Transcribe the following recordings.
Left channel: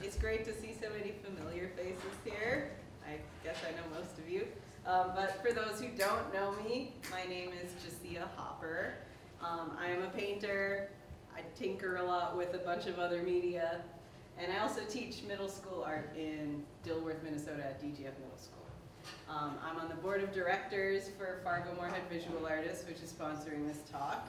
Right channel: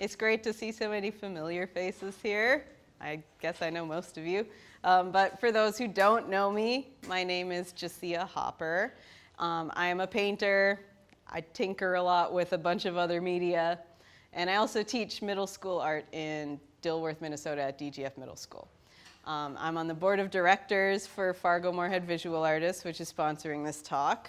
It's great to see so many familiar faces here. I guess I know most of you. But for those who don't know me, my name is Jescia Hopper. I am a painter. I tinker a lot with a bunch of other media. And I also teach middle school art in Dilworth, Minnesota at DGF Middle School. I'm on the board of directors for Fargo-Moorhead Visual Artists, which is sponsoring this talk.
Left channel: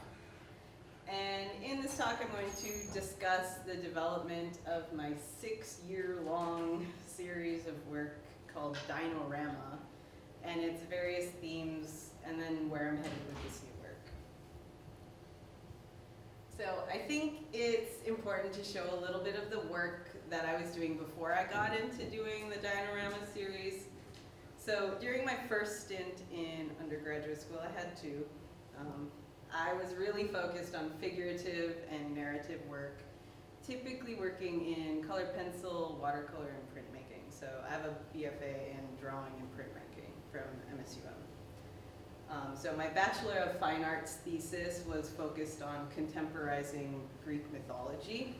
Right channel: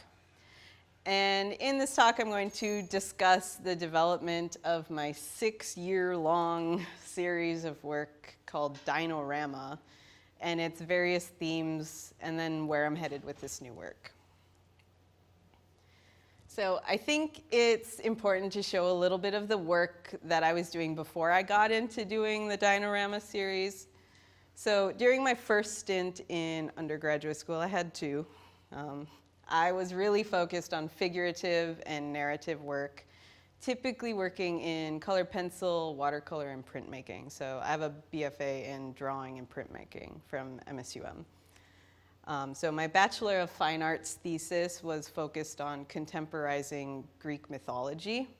And in this talk, I'm going to discuss the development of my 6-year-long series of work called Dinorama and its various themes, and then where I'm headed with this new work. So I think it's important to show a little bit of the work that I was doing before I got into doing the Dinorama series. So during my first stint in undergraduate school, I had two. I was really focused on figurative and narrative work, typically working in colored pencil, watercolor, and printmaking. So I have a BFA in drawing and printmaking from MSUM. So my Bachelor of Fine Arts thesis was focused on contemporizing Greek mythology.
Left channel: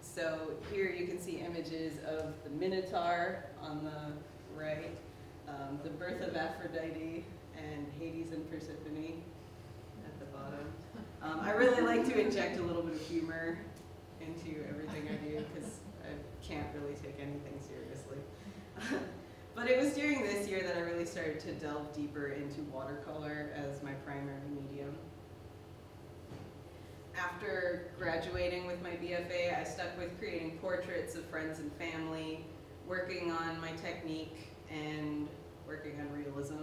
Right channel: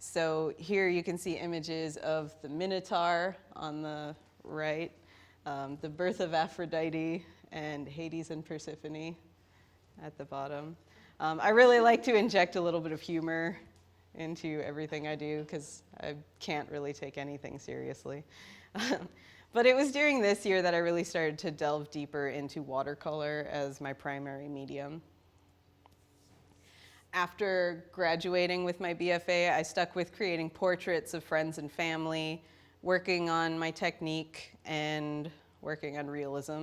So here you can see images of the Minotaur on the right, the birth of Aphrodite, and Hades and Persephone at the bottom. I really like to inject a little bit of humor into everything I do because I can't really take anything seriously. But it was during this year that I really started to delve deeper into watercolor as my primary medium. After graduating with my BFA, I stuck with creating portraits of friends and family, working on my technique, and working on realism.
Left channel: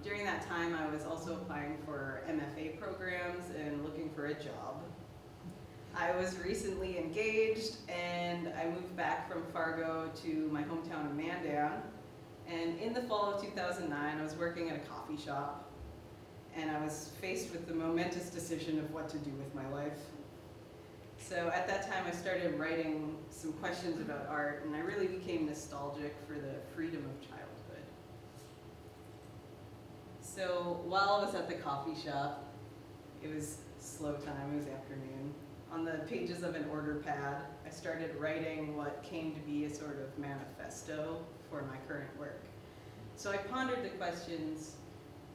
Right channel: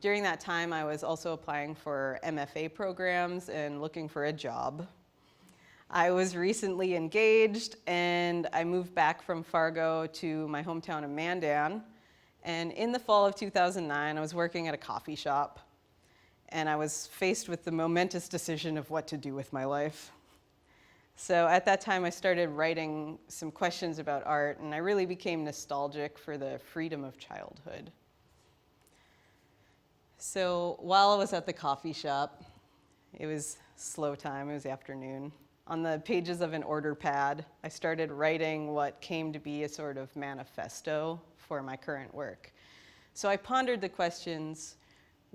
During that time, I was also applying for MFA programs and looking for a job. I was recently engaged, and I moved back from Fargo to my hometown of Mandan. And in the fall of 2009, I was working at a coffee shop, and I was faced with the momentous decision of what to do with my life. So at that time, I started writing some questions about art, and I really became nostalgic for the freedom of childhood. So while I was at the coffee shop, it was slow time, it was afternoon. On the pages of an order pad, I started writing what came to be a sort of manifesto for my current work. So I pondered the questions:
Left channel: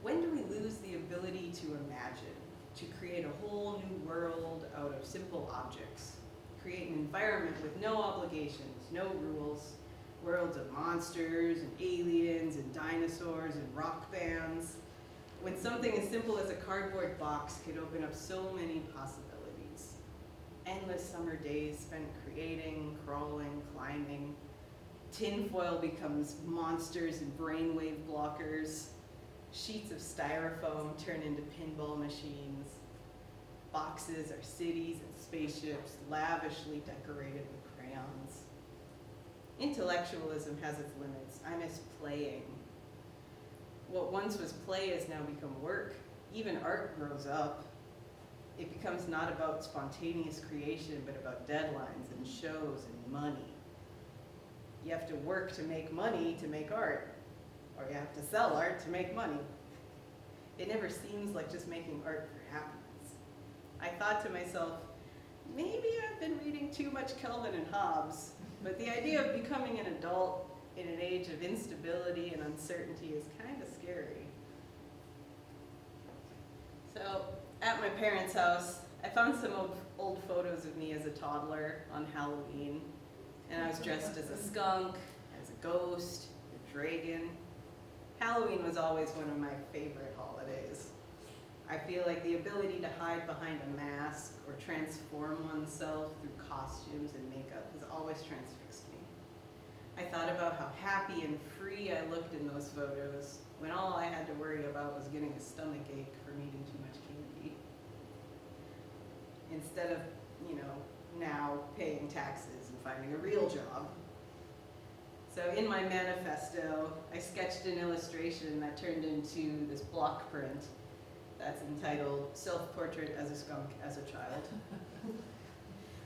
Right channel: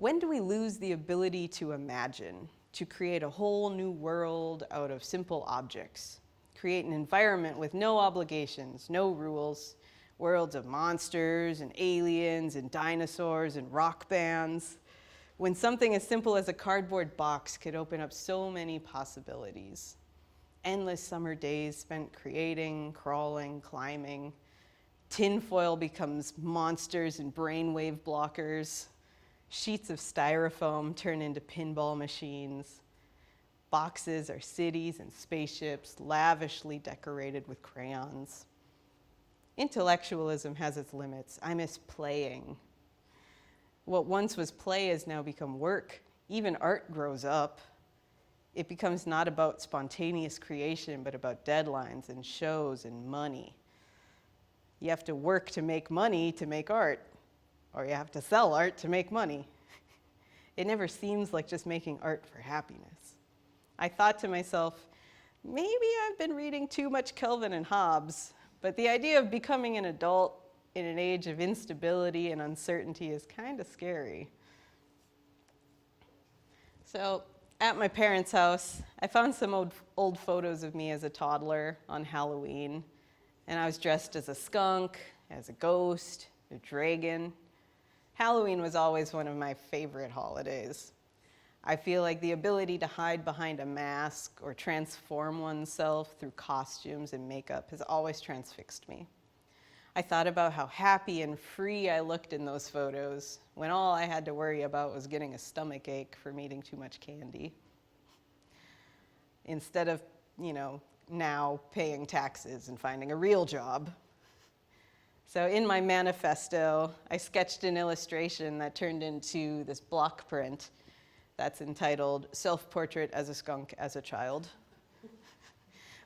when do we lose the ability to imagine, to create a whole new world out of simple objects, create an environment with no obligations, no rules, worlds of monsters and aliens and dinosaurs and rock bands, when something as simple as a cardboard box could open up so many possibilities? Endless summer days spent creating, crawling, climbing. Tinfoil becomes monsters and brainwave blockers. Sheets of styrofoam turn into pinball machines. Boxes are cities and spaceships lavishly decorated with crayons. Intellectualism has its limits. I miss playing. What once was play has now become work. Even art grows up. It becomes not about spontaneous creation, but about deadlines and shows and money. You have to work to make money to make art, or you have to sell art to make money. It never seems like just making art for happiness. I thought to myself, maybe I've been reading too much Kelvin and Hobbes, but the idea of becoming an adult in an age of instability and uncertainty is kind of scary. So at my parents' house, I found some old photos of me as a toddler on Halloween, and I was dressed as a skunk, as a ghost, a dragon. Halloween was always one of my favorite holidays. I feel like the ability to hide behind a mask or transform oneself through costumes and makeup has always transfixed me. I thought about how happy and free I looked in those photos when all I had to worry about was getting a stomach ache from eating too much candy. Instead of, now paying taxes and finding a real job. So in my manifesto, I sketched an illustration that turned into this block print that's entitled "Self-Portrait as a Skunk as a Child,"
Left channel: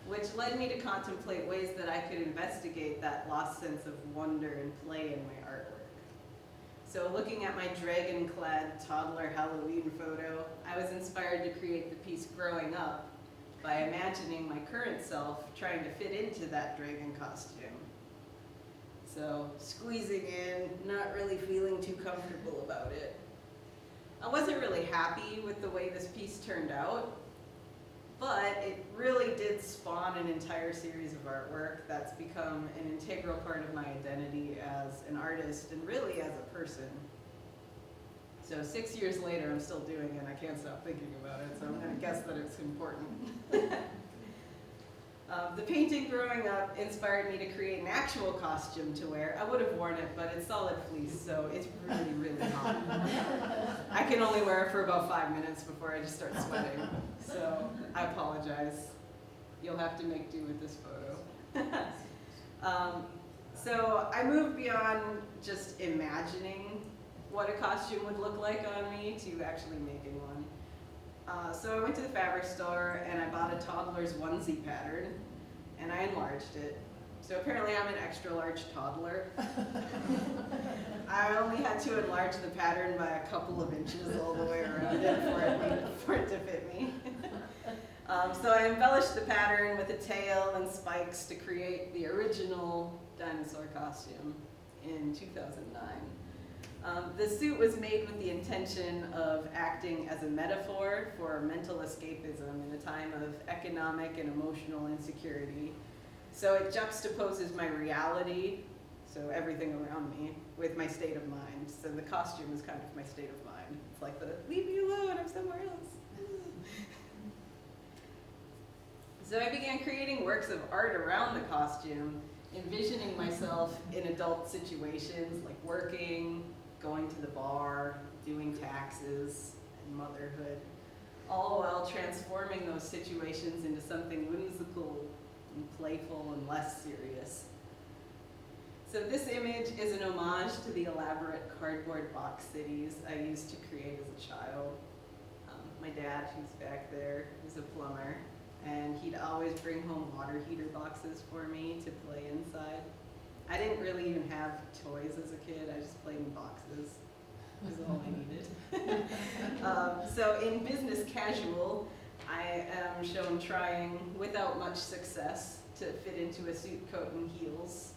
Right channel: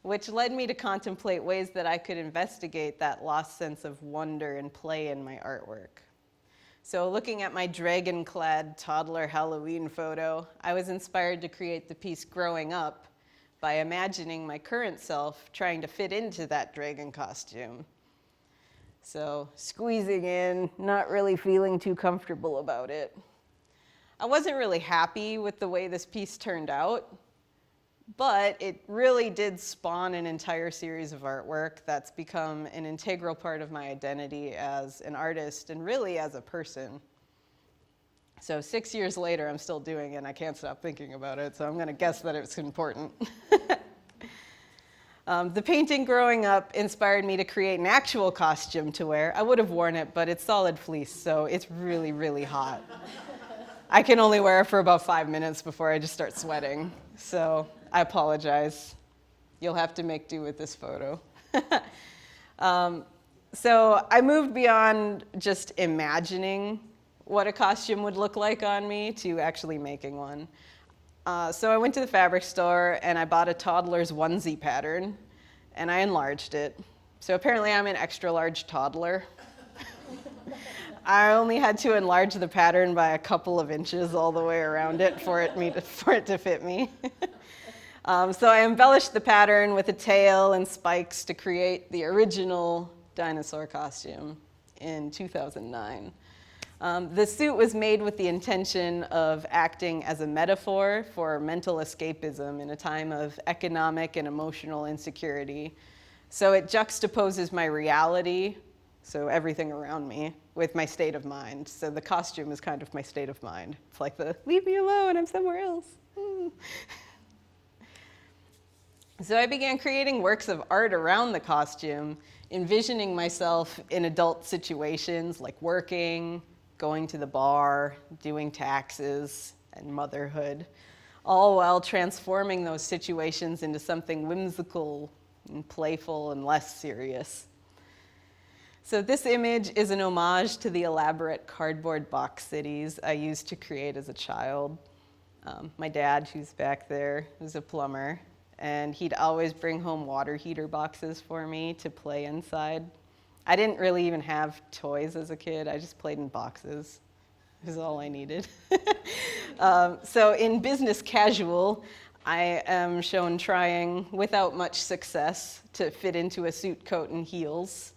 which led me to contemplate ways that I could investigate that lost sense of wonder and play in my artwork. So looking at my dragon-clad toddler Halloween photo, I was inspired to create the piece Growing Up by imagining my current self trying to fit into that dragon costume. So squeezing in, not really feeling too comfortable about it. I wasn't really happy with the way this piece turned out, but it really did spawn an entire series of artwork that's become an integral part of my identity as an artist and really as a person. So 6 years later, I'm still doing it, and I can't stop thinking about it, so I'm going to guess that it's important. The painting growing up inspired me to create an actual costume to wear. I would have worn it, but it's solid fleece, so it's really, really hot. I can only wear it for about 5 minutes before I just start sweating. So I apologize. You'll have to make do with this photo. So I moved beyond just imagining what a costume would look like on me to actually making one. So I went to the fabric store and I bought a toddler's onesie pattern and I enlarged it. So apparently I'm an extra large toddler. I only had to enlarge the pattern by a couple of inches all the way around it for it to fit me. So I embellished the pattern with a tail and spikes to create the original dinosaur costume in 2009. The suit was made with the intention of acting as a metaphor for mental escapism in a time of economic and emotional insecurity. So it juxtaposes my reality, so everything around me, with my state of mind. So the costume is kind of my state of mind. It's like the leave me alone, I'm somewhere else. So I began creating works of art around the costume, envisioning myself in adult situations like working, going to the bar, doing taxes, and motherhood, all while transforming those situations into something whimsical and playful and less serious. So this image is an homage to the elaborate cardboard box cities I used to create as a child. My dad, who's back there, is a plumber, and he'd always bring home water heater boxes for me to play inside. I didn't really even have toys as a kid. I just played in boxes. It was all I needed. So in business casual, I am shown trying, without much success, to fit into a suit, coat, and heels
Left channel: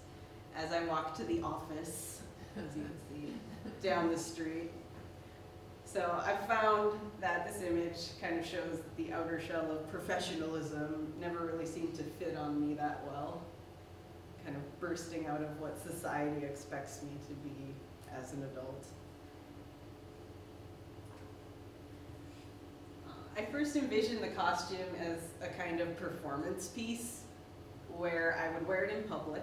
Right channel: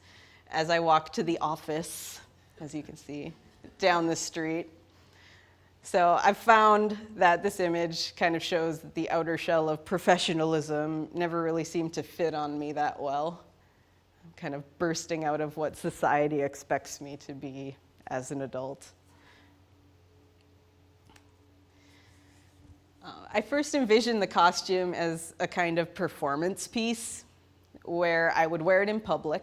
as I walk to the office, as you can see, down the street. So I found that this image kind of shows that the outer shell of professionalism never really seemed to fit on me that well, kind of bursting out of what society expects me to be as an adult. I first envisioned the costume as a kind of performance piece where I would wear it in public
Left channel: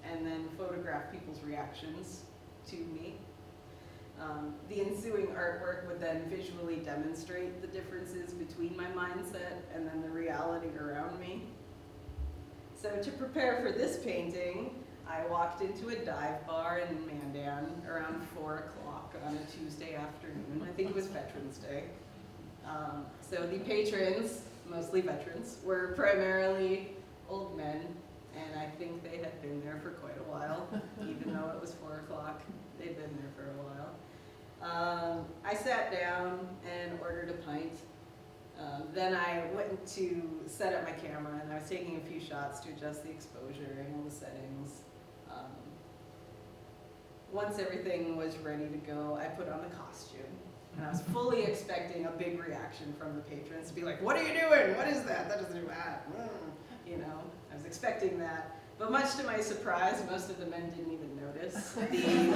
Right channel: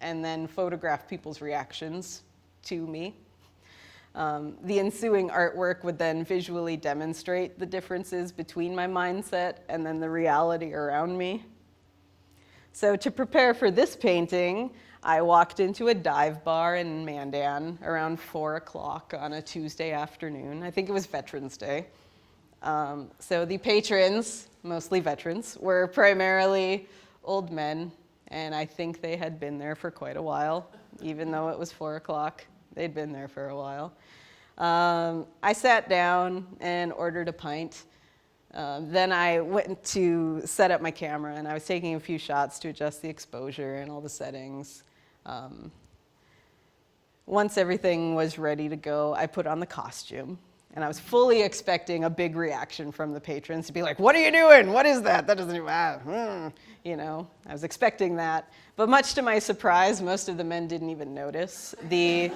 and then photograph people's reactions to me. The ensuing artwork would then visually demonstrate the differences between my mindset and then the reality around me. So to prepare for this painting, I walked into a dive bar in Mandan around 4 o'clock on a Tuesday afternoon. I think it was Veterans Day. So the patrons, mostly veterans, were primarily old men, and I think they had been there for quite a while, even though it was 4 o'clock. They'd been there for a while. I sat down and ordered a pint. Then I went to set up my camera, and I was taking a few shots to adjust the exposure and all the settings. Once everything was ready to go, I put on the costume. And I was fully expecting a big reaction from the patrons to be like, "What are you doing? What is that? That doesn't even," you know, I was expecting that. But much to my surprise, most of the men didn't even notice they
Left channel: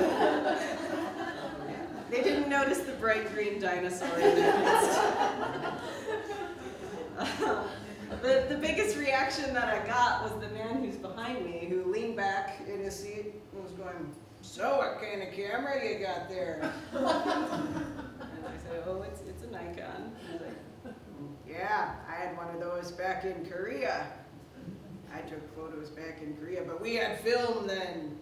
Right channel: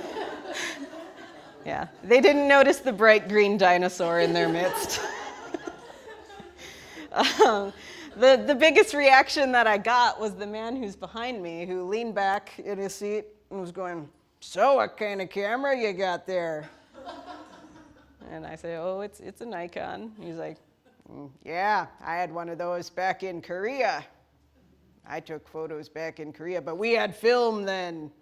didn't notice the bright green dinosaur in their midst. The biggest reaction that I got was the man who's behind me, who leaned back in his seat and was going, "So what kind of camera you got there?" And I say, "Oh, it's a Nikon." And he's like, "Yeah, I had one of those back in Korea. I took photos back in Korea, but we had film then,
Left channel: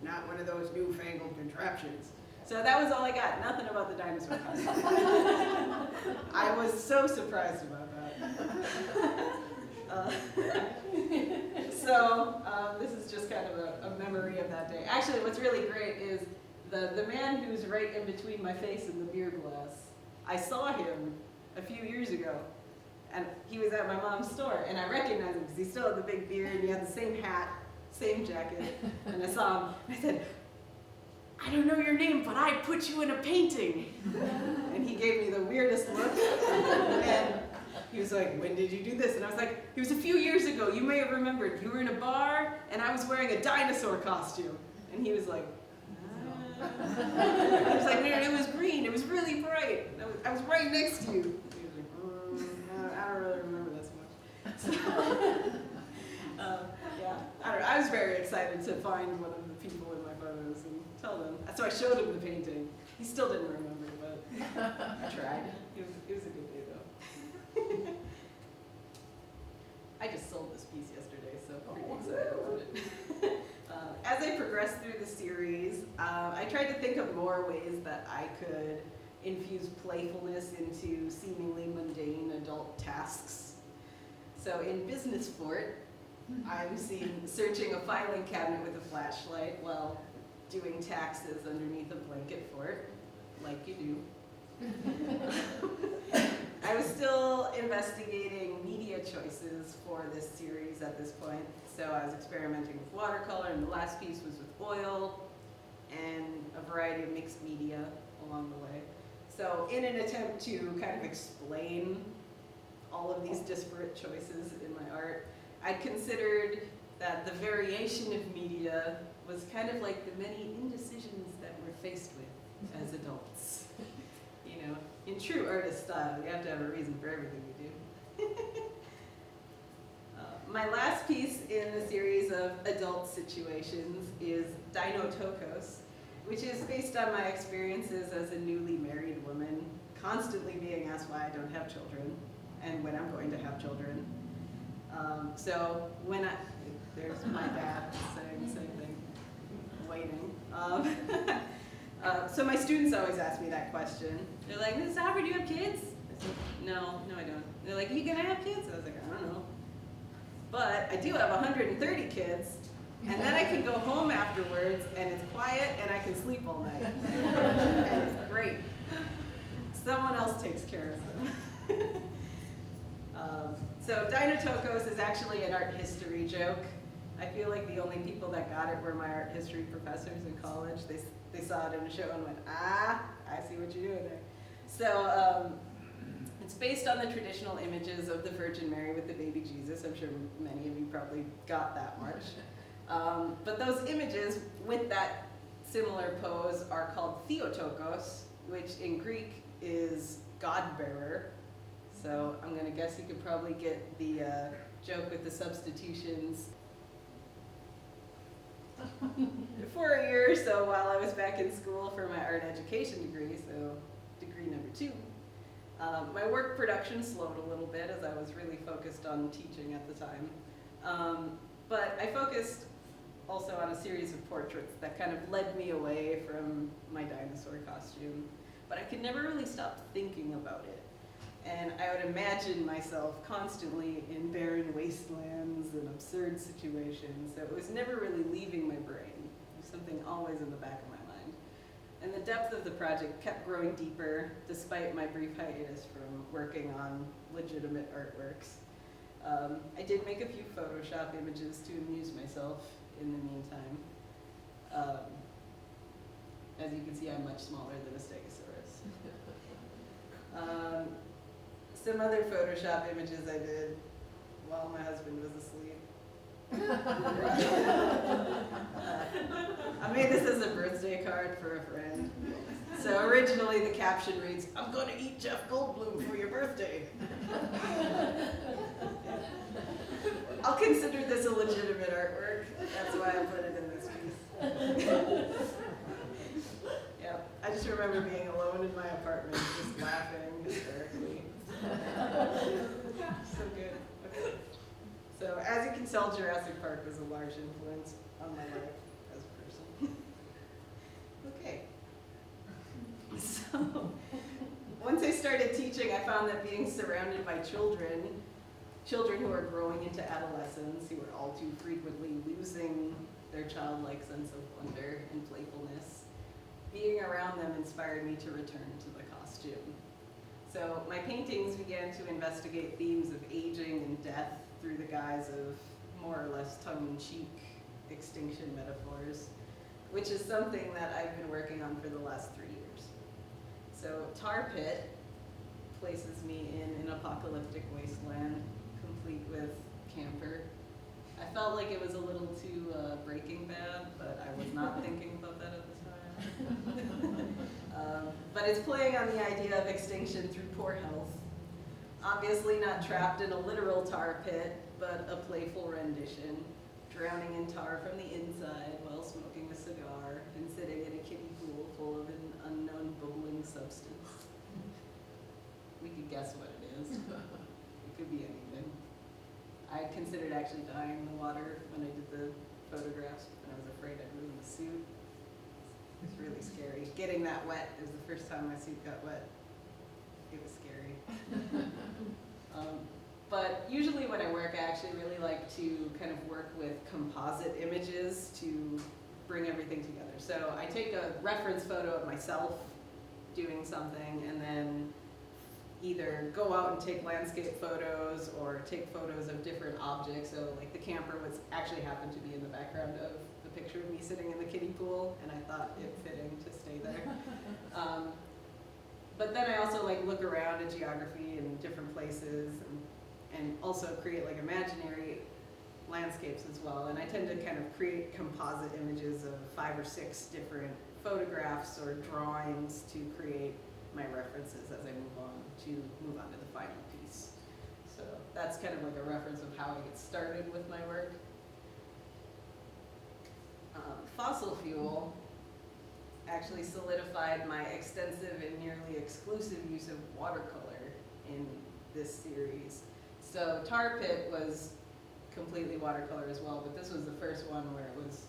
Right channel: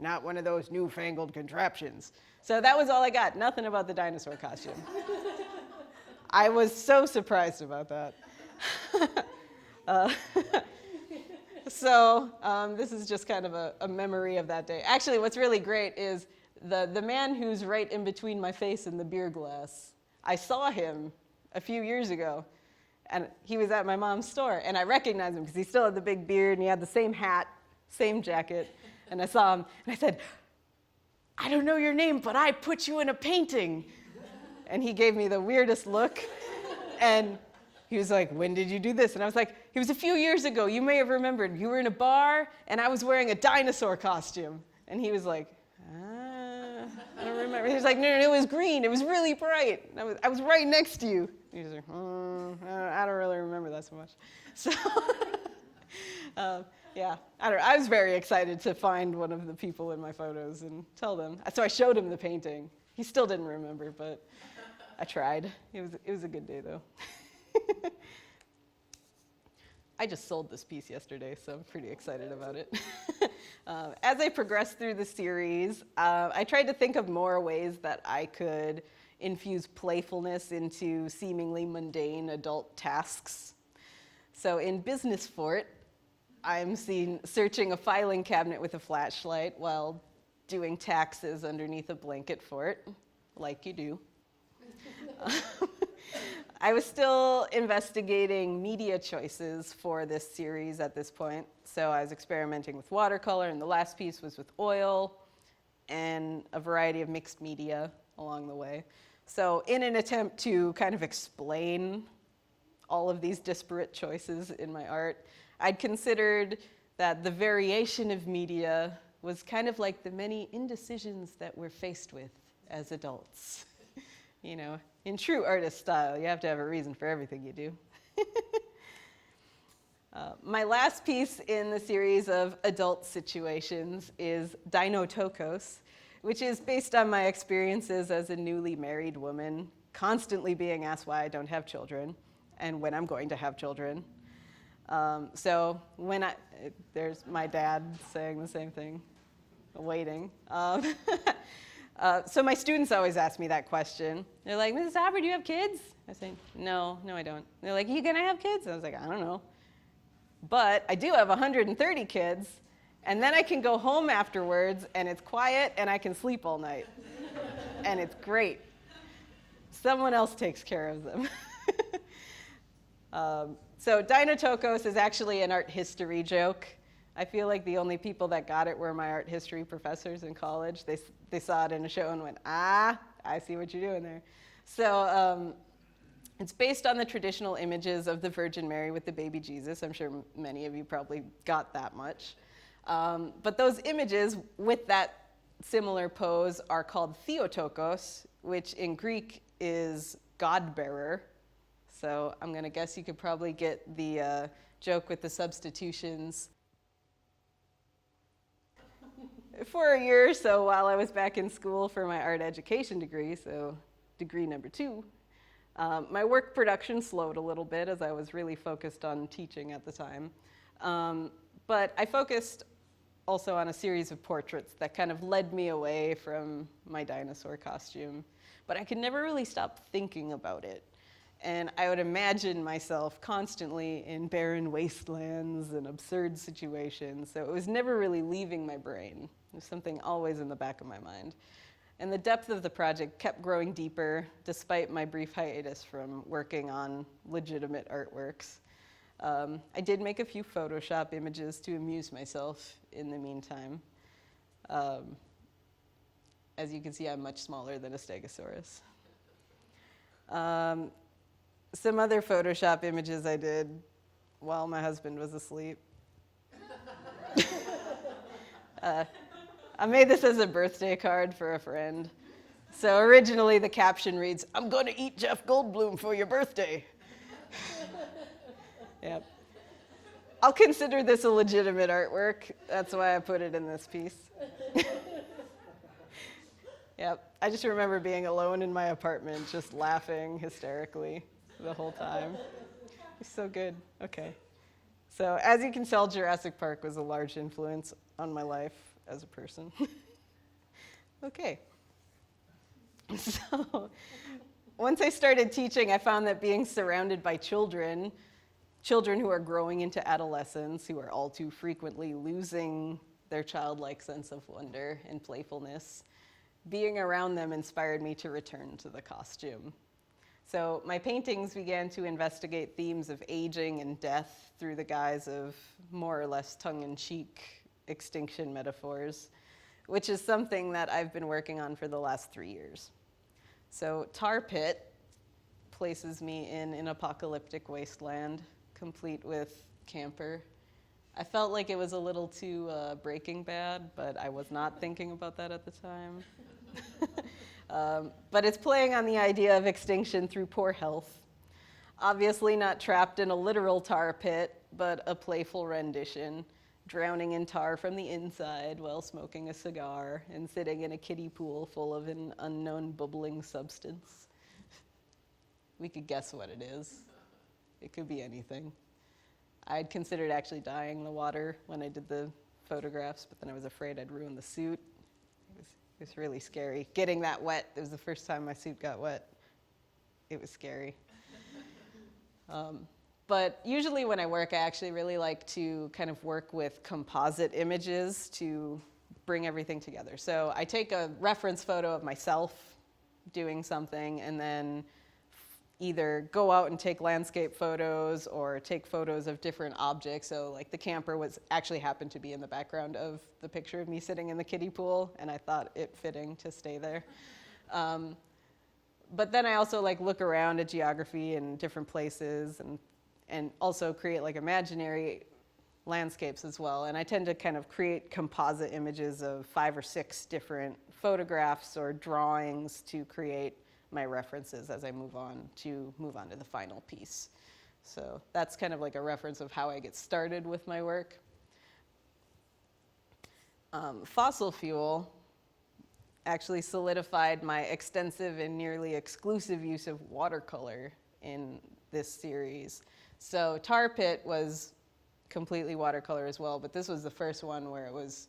not one of those newfangled contraptions." So that was all I got, nothing about the dinosaur costume. I was so surprised about that. This is just kind of a memory of that day. Actually, what's really great is the man who's right in between my face and the beer glass. I saw him a few years ago And he was at my mom's store, and I recognized him because he still had the big beard, and he had the same hat, same jacket. And I saw him, and I said, "I don't know your name, but I put you in a painting." And he gave me the weirdest look, and he was like, "When did you do this?" And I was like, "It was a few years ago. You may have remembered. You were in a bar, and I was wearing a dinosaur costume." And he was like, and he was like, "No, it was green. It was really bright. I was right next to you." He was like, "I don't really remember that so much." So, yeah, I don't know. I was very excited to find one of the people in my photos and tell them. So I showed him the painting. He still didn't remember, but I tried. It was a good day, though. I just sold this piece yesterday, so I'm pretty excited about it. As I progressed through the series, I tried to think of more ways that I could infuse playfulness into seemingly mundane adult tasks. So in Business Fort, I'm seen searching a filing cabinet with a flashlight while doing taxes underneath a blanket fort, like you do. I was still investigating media choices for this series at this point. So I was experimenting with watercolor, and the last piece was with oil and a variety of mixed media along the way. So in an attempt to kind of explain all of these disparate choices in my art, I'd considered that the variation of media was kind of like the many indecisions that we're faced with as adults. You know, in true artist style, you have to have a reason for everything you do. My last piece in the series of adult situations is Dino Tokos, which is based on my experiences as a newly married woman, constantly being asked why I don't have children and when I'm going to have children. So there's my dad saying the same thing, waiting. So my students always ask me that question. They're like, "Mrs. Hopper, do you have kids?" I say, no, I don't. They're like, "Are you gonna have kids?" I was like, "I don't know. But I do have 130 kids, and then I can go home afterwards, and it's quiet, and I can sleep all night. And it's great. Someone else takes care of them." So Dino Tokos is actually an art history joke. I feel like the only people that got it were my art history professors in college. They saw it in a show and went, "Ah, I see what you're doing there." So it's based on the traditional images of the Virgin Mary with the baby Jesus. I'm sure many of you probably got that much. But those images with that similar pose are called Theotokos, which in Greek is God-bearer. So I'm going to guess you could probably get the joke with the substitutions. For a year or so while I was back in school for my art education degree, so degree number 2, my work production slowed a little bit as I was really focused on teaching at the time. But I focused also on a series of portraits that kind of led me away from my dinosaur costume. But I could never really stop thinking about it. And I would imagine myself constantly in barren wastelands and absurd situations. So it was never really leaving my brain. It was something always in the back of my mind. And the depth of the project kept growing deeper despite my brief hiatus from working on legitimate artworks. I did make a few Photoshop images to amuse myself in the meantime. As you can see, I'm much smaller than a Stegosaurus. Some other Photoshop images I did while my husband was asleep. I made this as a birthday card for a friend. So originally the caption reads, "I'm going to eat Jeff Goldblum for your birthday." Yeah. I'll consider this a legitimate artwork. That's why I put it in this piece. Yeah, I just remember being alone in my apartment, just laughing hysterically the whole time. It's so good. Okay. So as you can tell, Jurassic Park was a large influence on my life as a person. Okay. So once I started teaching, I found that being surrounded by children who are growing into adolescence, who are all too frequently losing their childlike sense of wonder and playfulness, being around them inspired me to return to the costume. So my paintings began to investigate themes of aging and death through the guise of more or less tongue-in-cheek extinction metaphors, which is something that I've been working on for the last 3 years. So Tar Pit places me in an apocalyptic wasteland, complete with camper. I felt like it was a little too Breaking Bad, but I was not thinking about that at the time. But it's playing on the idea of extinction through poor health. Obviously not trapped in a literal tar pit, but a playful rendition, drowning in tar from the inside while smoking a cigar and sitting in a kiddie pool full of an unknown bubbling substance. We could guess what it is. It could be anything. I'd considered actually dyeing the water when I did the photographs, but then I was afraid I'd ruin the suit. It was really scary. Getting that wet, it was the first time my suit got wet. It was scary. But usually when I work, I actually really like to kind of work with composite images to bring everything together. So I take a reference photo of myself doing something and then either go out and take landscape photos or take photos of different objects. So like the camper was actually happened to be in the background of the picture of me sitting in the kiddie pool, and I thought it fitting to stay there. But then I also like look around at geography and different places and also create like imaginary landscapes as well. And I tend to kind of create composite images of 5 or 6 different photographs or drawings to create my references as I move on to the final piece. So that's kind of like a reference of how I get started with my work. Fossil fuel actually solidified my extensive and nearly exclusive use of watercolor in this series. So Tar Pit was completely watercolor as well, but this was the first one where it was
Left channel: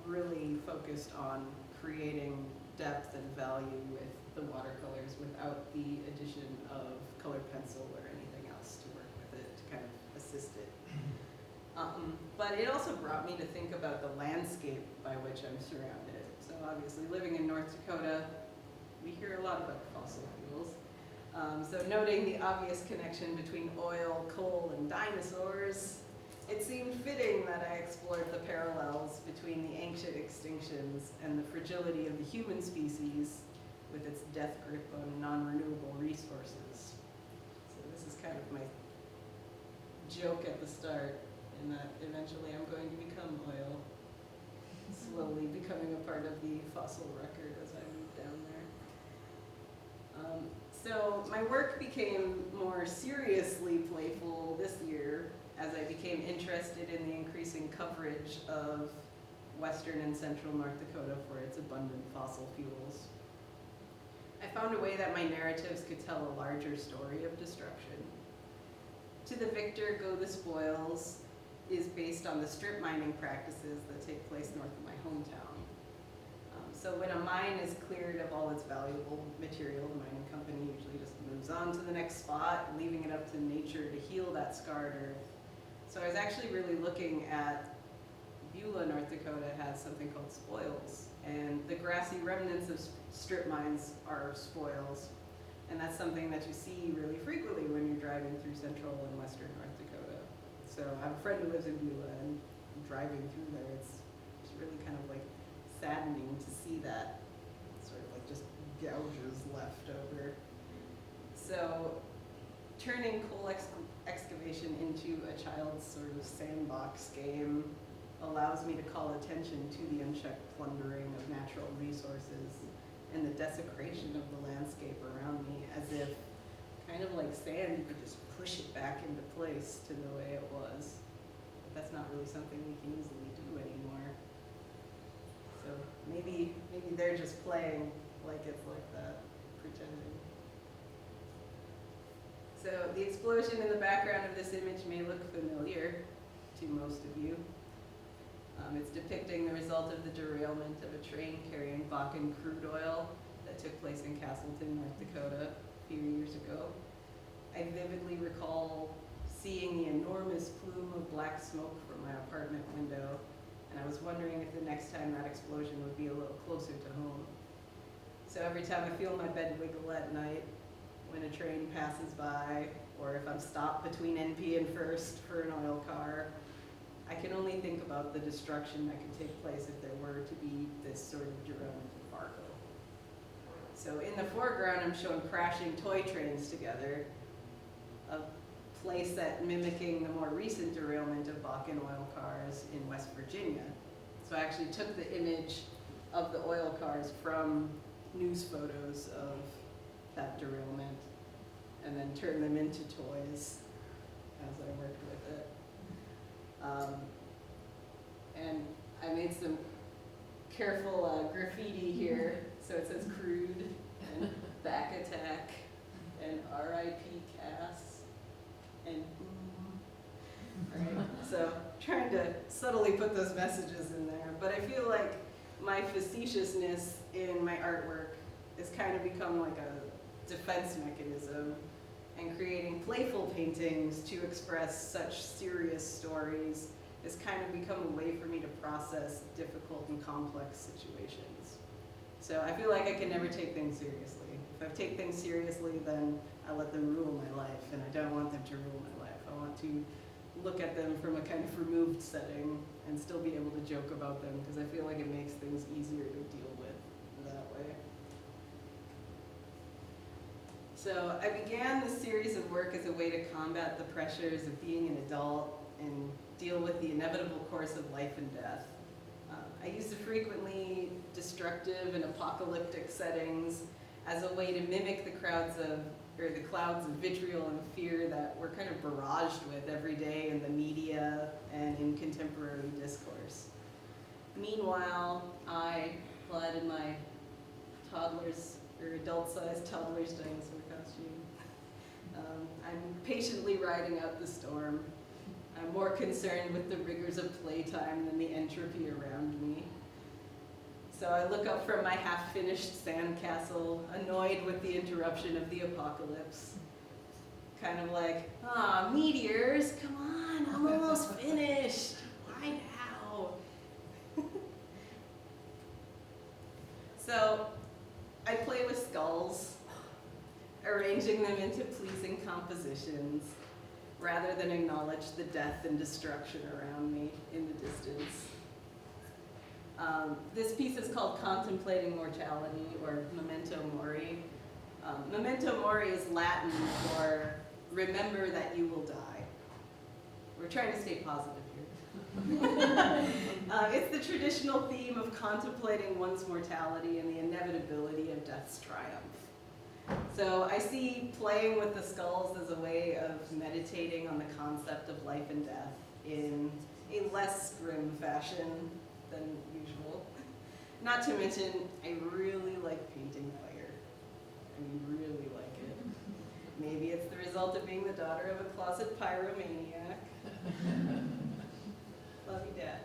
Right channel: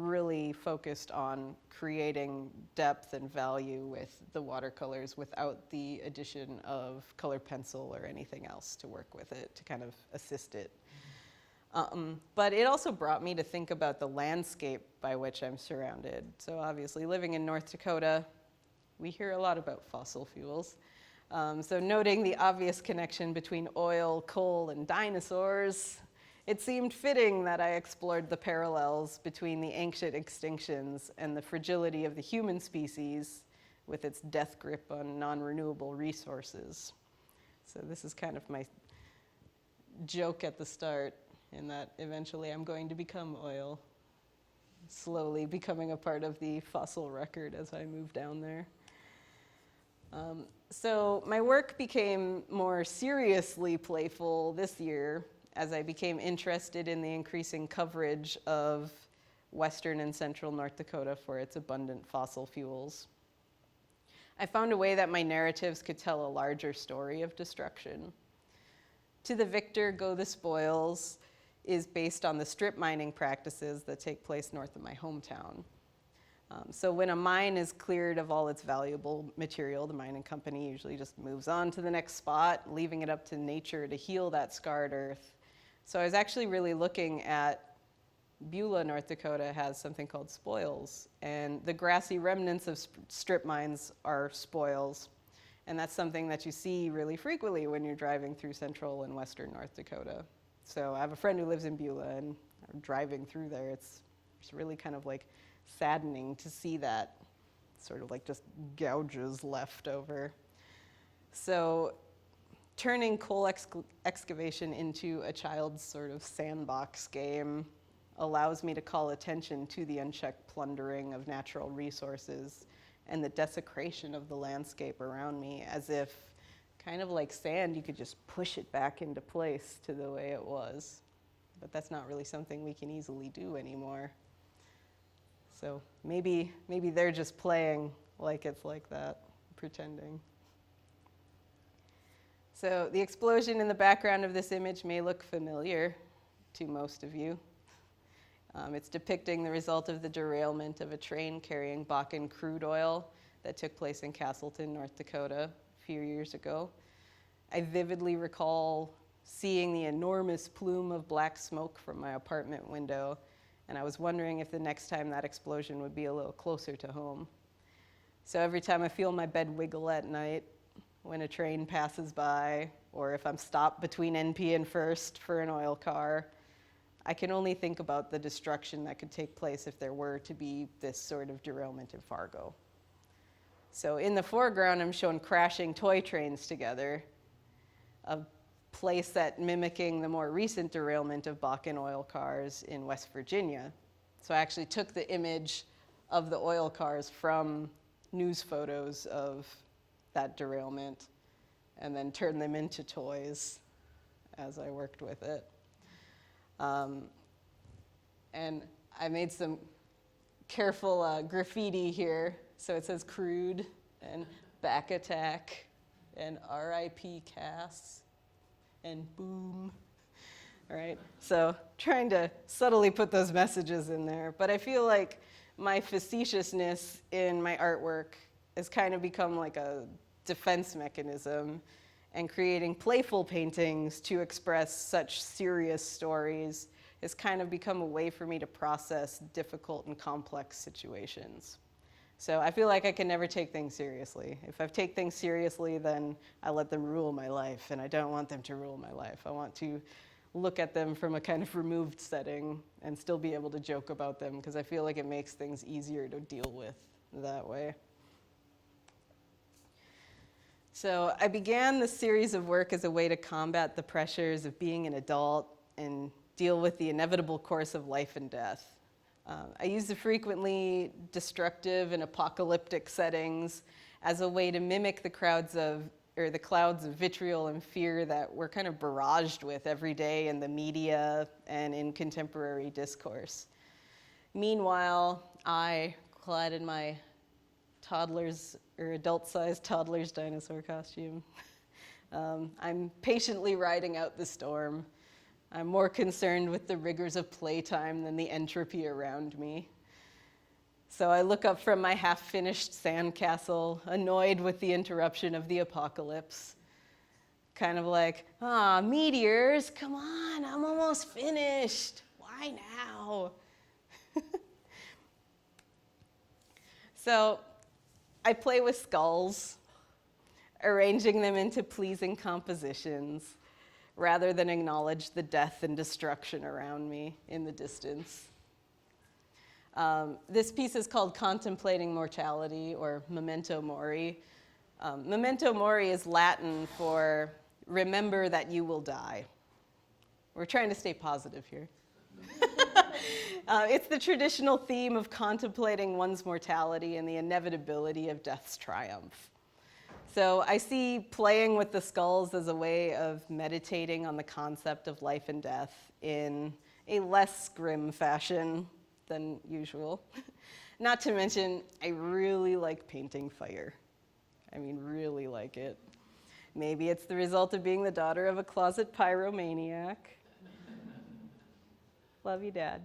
really focused on creating depth and value with the watercolors without the addition of color pencil or anything else to work with it to kind of assist it. But it also brought me to think about the landscape by which I'm surrounded. So obviously living in North Dakota, we hear a lot about fossil fuels. So noting the obvious connection between oil, coal, and dinosaurs, it seemed fitting that I explored the parallels between the ancient extinctions and the fragility of the human species with its death grip on non-renewable resources. So this is kind of my joke at the start, in that eventually I'm going to become oil, slowly becoming a part of the fossil record as I move down there. So my work became more seriously playful this year as I became interested in the increasing coverage of western and central North Dakota for its abundant fossil fuels. I found a way that my narratives could tell a larger story of destruction. To the Victor, Go the Spoils is based on the strip mining practices that take place north of my hometown. So when a mine is cleared of all its valuable material, the mining company usually just moves on to the next spot, leaving it up to nature to heal that scarred earth. So I was actually really looking at Beulah, North Dakota has something called spoils, and the grassy remnants of strip mines are spoils, and that's something that you see really frequently when you're driving through central and western North Dakota. So I have a friend who lives in Beulah, and I'm driving through there. It's really kind of like saddening to see that sort of like just gouges left over. So turning coal excavation into a child's sort of sandbox game allows me to call attention to the unchecked plundering of natural resources and the desecration of the landscape around me, as if kind of like sand, you could just push it back into place to the way it was. But that's not really something we can easily do anymore. So maybe they're just playing like it's like that, pretending. So the explosion in the background of this image may look familiar to most of you. It's depicting the result of the derailment of a train carrying Bakken crude oil that took place in Castleton, North Dakota a few years ago. I vividly recall seeing the enormous plume of black smoke from my apartment window, and I was wondering if the next time that explosion would be a little closer to home. So every time I feel my bed wiggle at night, when a train passes by, or if I'm stopped between NP and First for an oil car, I can only think about the destruction that could take place if there were to be this sort of derailment in Fargo. So in the foreground, I'm shown crashing toy trains together, a place that mimicking the more recent derailment of Bakken oil cars in West Virginia. So I actually took the image of the oil cars from news photos of that derailment and then turned them into toys as I worked with it. And I made some careful graffiti here. So it says crude and back attack and RIP Cass and boom. All right, so trying to subtly put those messages in there. But I feel like my facetiousness in my artwork has kind of become like a defense mechanism, and creating playful paintings to express such serious stories has kind of become a way for me to process difficult and complex situations. So I feel like I can never take things seriously. If I take things seriously, then I let them rule my life, and I don't want them to rule my life. I want to look at them from a kind of removed setting and still be able to joke about them, because I feel like it makes things easier to deal with that way. So I began this series of work as a way to combat the pressures of being an adult and deal with the inevitable course of life and death. I use the frequently destructive and apocalyptic settings as a way to mimic the clouds of vitriol and fear that we're kind of barraged with every day in the media and in contemporary discourse. Meanwhile, I, clad in my adult-sized toddler's dinosaur costume, I'm patiently riding out the storm. I'm more concerned with the rigors of playtime than the entropy around me. So I look up from my half-finished sandcastle, annoyed with the interruption of the apocalypse. Kind of like, meteors, come on, I'm almost finished. Why now? So I play with skulls, arranging them into pleasing compositions, rather than acknowledge the death and destruction around me in the distance. This piece is called Contemplating Mortality, or Memento Mori. Memento Mori is Latin for remember that you will die. We're trying to stay positive here. It's the traditional theme of contemplating one's mortality and the inevitability of death's triumph. So I see playing with the skulls as a way of meditating on the concept of life and death in a less grim fashion than usual. Not to mention, I really like painting fire. I mean, really like it. Maybe it's the result of being the daughter of a closet pyromaniac. Love you, Dad.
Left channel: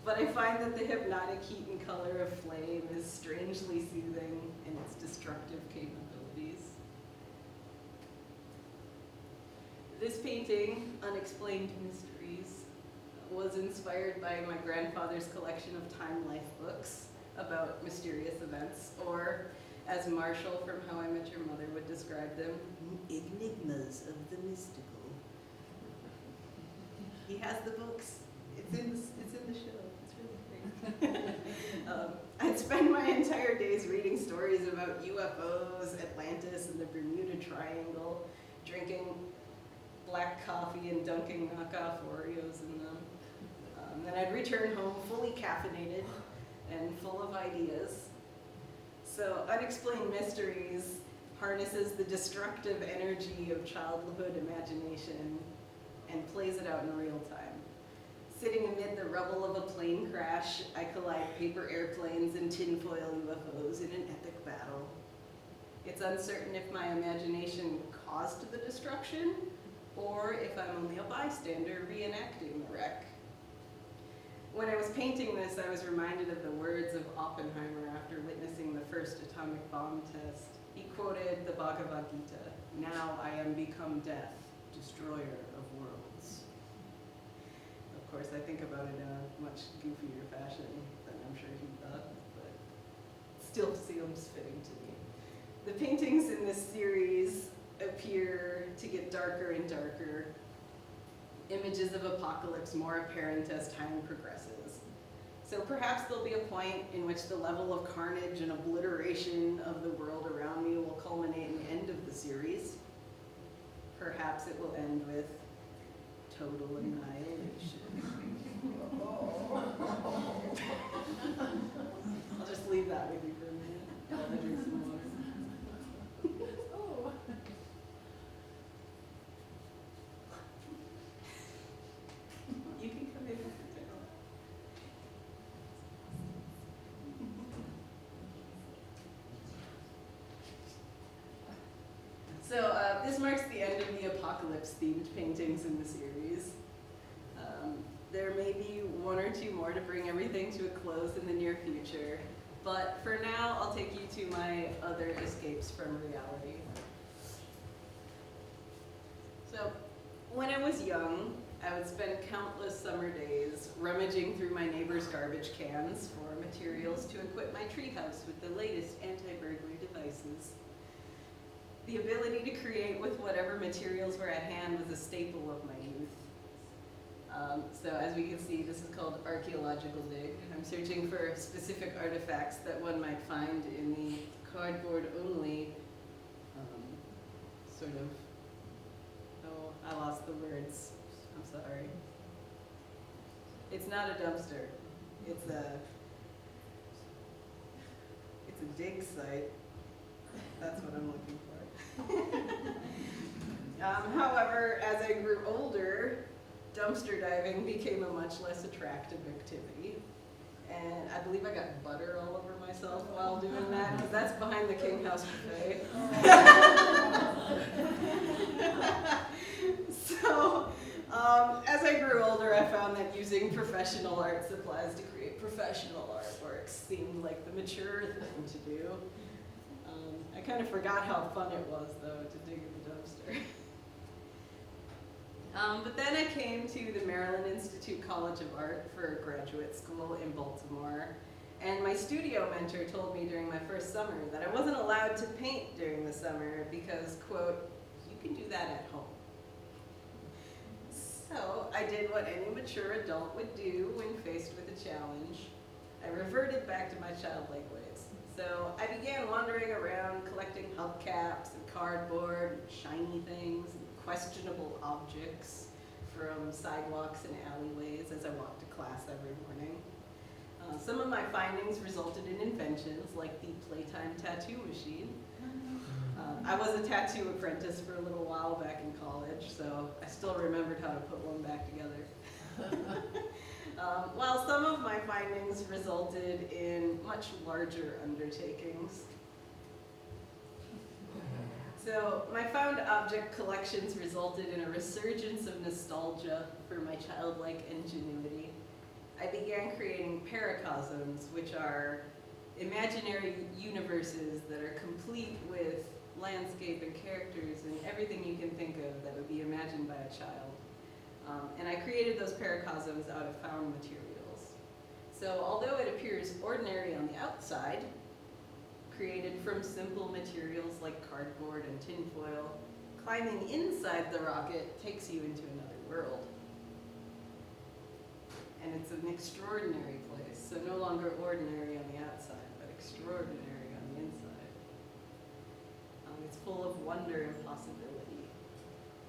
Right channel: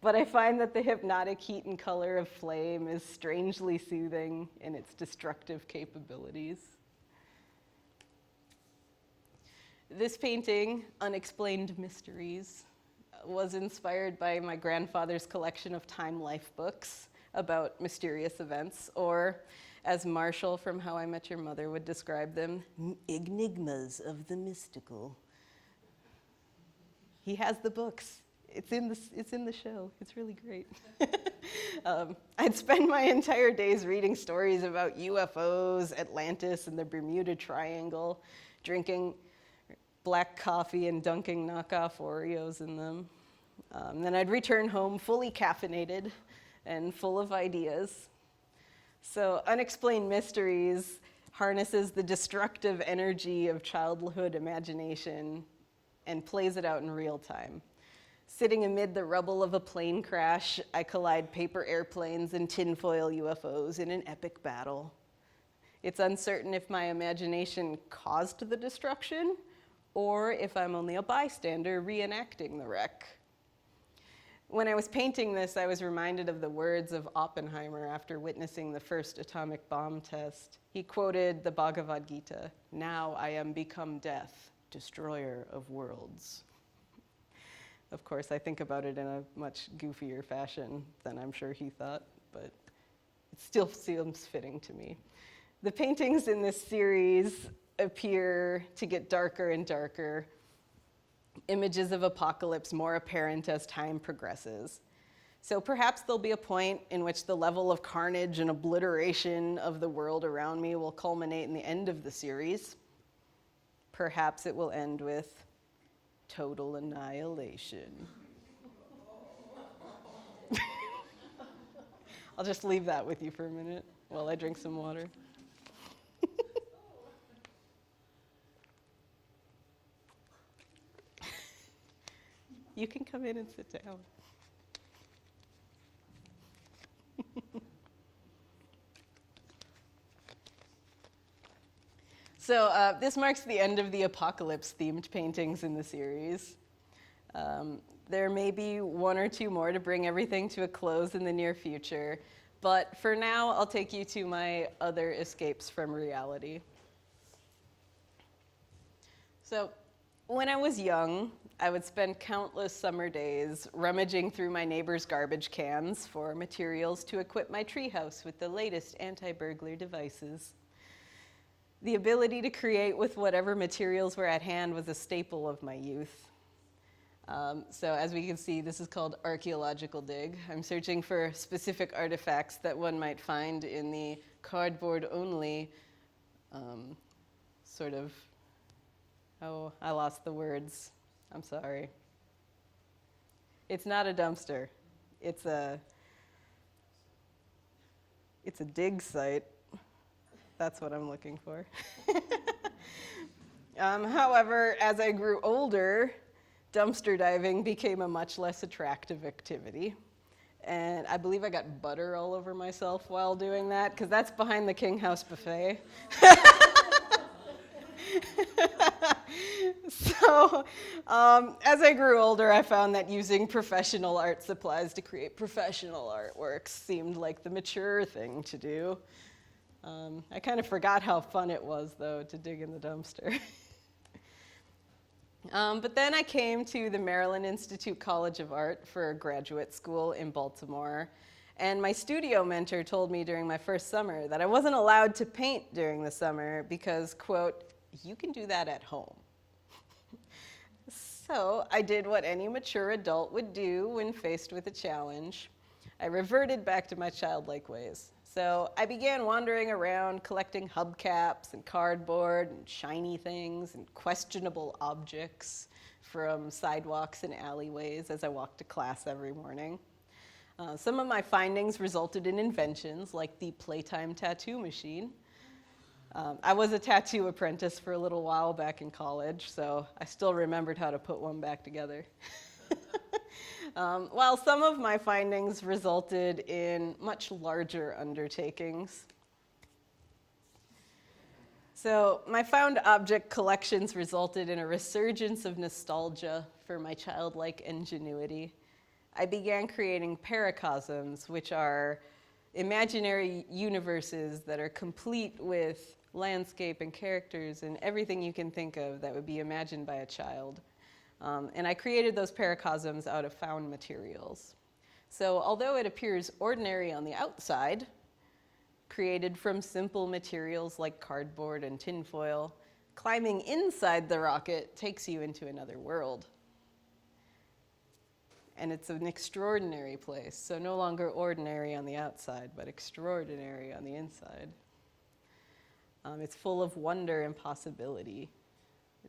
But I find that the hypnotic heat and color of flame is strangely soothing in its destructive capabilities. This painting, Unexplained Mysteries, was inspired by my grandfather's collection of Time Life books about mysterious events, or as Marshall from How I Met Your Mother would describe them, enigmas of the mystical. He has the books. It's in the show. It's really great. I'd spend my entire days reading stories about UFOs, Atlantis, and the Bermuda Triangle, drinking black coffee and dunking knockoff Oreos in them. Then I'd return home fully caffeinated and full of ideas. So Unexplained Mysteries harnesses the destructive energy of childhood imagination and plays it out in real time. Sitting amid the rubble of a plane crash, I collide paper airplanes and tinfoil UFOs in an epic battle. It's uncertain if my imagination caused the destruction or if I'm only a bystander reenacting the wreck. When I was painting this, I was reminded of the words of Oppenheimer after witnessing the first atomic bomb test. He quoted the Bhagavad Gita, "Now I am become death, destroyer of worlds." Of course, I think about it in a much goofier fashion than I'm sure he thought, but it still seems fitting to me. The paintings in this series appear to get darker and darker, images of apocalypse more apparent as time progresses. So perhaps there'll be a point in which the level of carnage and obliteration of the world around me will culminate in the end of the series. Perhaps it will end with total annihilation. I'll just leave that with you for a minute while I drink some water. You can come in and sit down. So this marks the end of the apocalypse-themed paintings in the series. There may be one or two more to bring everything to a close in the near future, but for now, I'll take you to my other escapes from reality. So when I was young, I would spend countless summer days rummaging through my neighbor's garbage cans for materials to equip my treehouse with the latest anti-burglar devices. The ability to create with whatever materials were at hand was a staple of my youth. So as we can see, this is called archaeological dig. I'm searching for specific artifacts that one might find in the cardboard-only sort of, oh, I lost the words. I'm sorry. It's not a dumpster. It's a dig site. That's what I'm looking for. However, as I grew older, dumpster diving became a much less attractive activity. And I believe I got butter all over myself while doing that, because that's behind the King House buffet. So, as I grew older, I found that using professional art supplies to create professional artworks seemed like the mature thing to do. I kind of forgot how fun it was, though, to dig in the dumpster. But then I came to the Maryland Institute College of Art for graduate school in Baltimore, and my studio mentor told me during my first summer that I wasn't allowed to paint during the summer because, quote, you can do that at home. So I did what any mature adult would do when faced with a challenge. I reverted back to my childlike ways. So I began wandering around collecting hubcaps and cardboard and shiny things and questionable objects from sidewalks and alleyways as I walked to class every morning. Some of my findings resulted in inventions like the Playtime tattoo machine. I was a tattoo apprentice for a little while back in college, so I still remembered how to put one back together. While some of my findings resulted in much larger undertakings. So my found object collections resulted in a resurgence of nostalgia for my childlike ingenuity. I began creating paracosms, which are imaginary universes that are complete with landscape and characters and everything you can think of that would be imagined by a child. And I created those paracosms out of found materials. So although it appears ordinary on the outside, created from simple materials like cardboard and tinfoil, climbing inside the rocket takes you into another world. And it's an extraordinary place, so no longer ordinary on the outside, but extraordinary on the inside. It's full of wonder and possibility.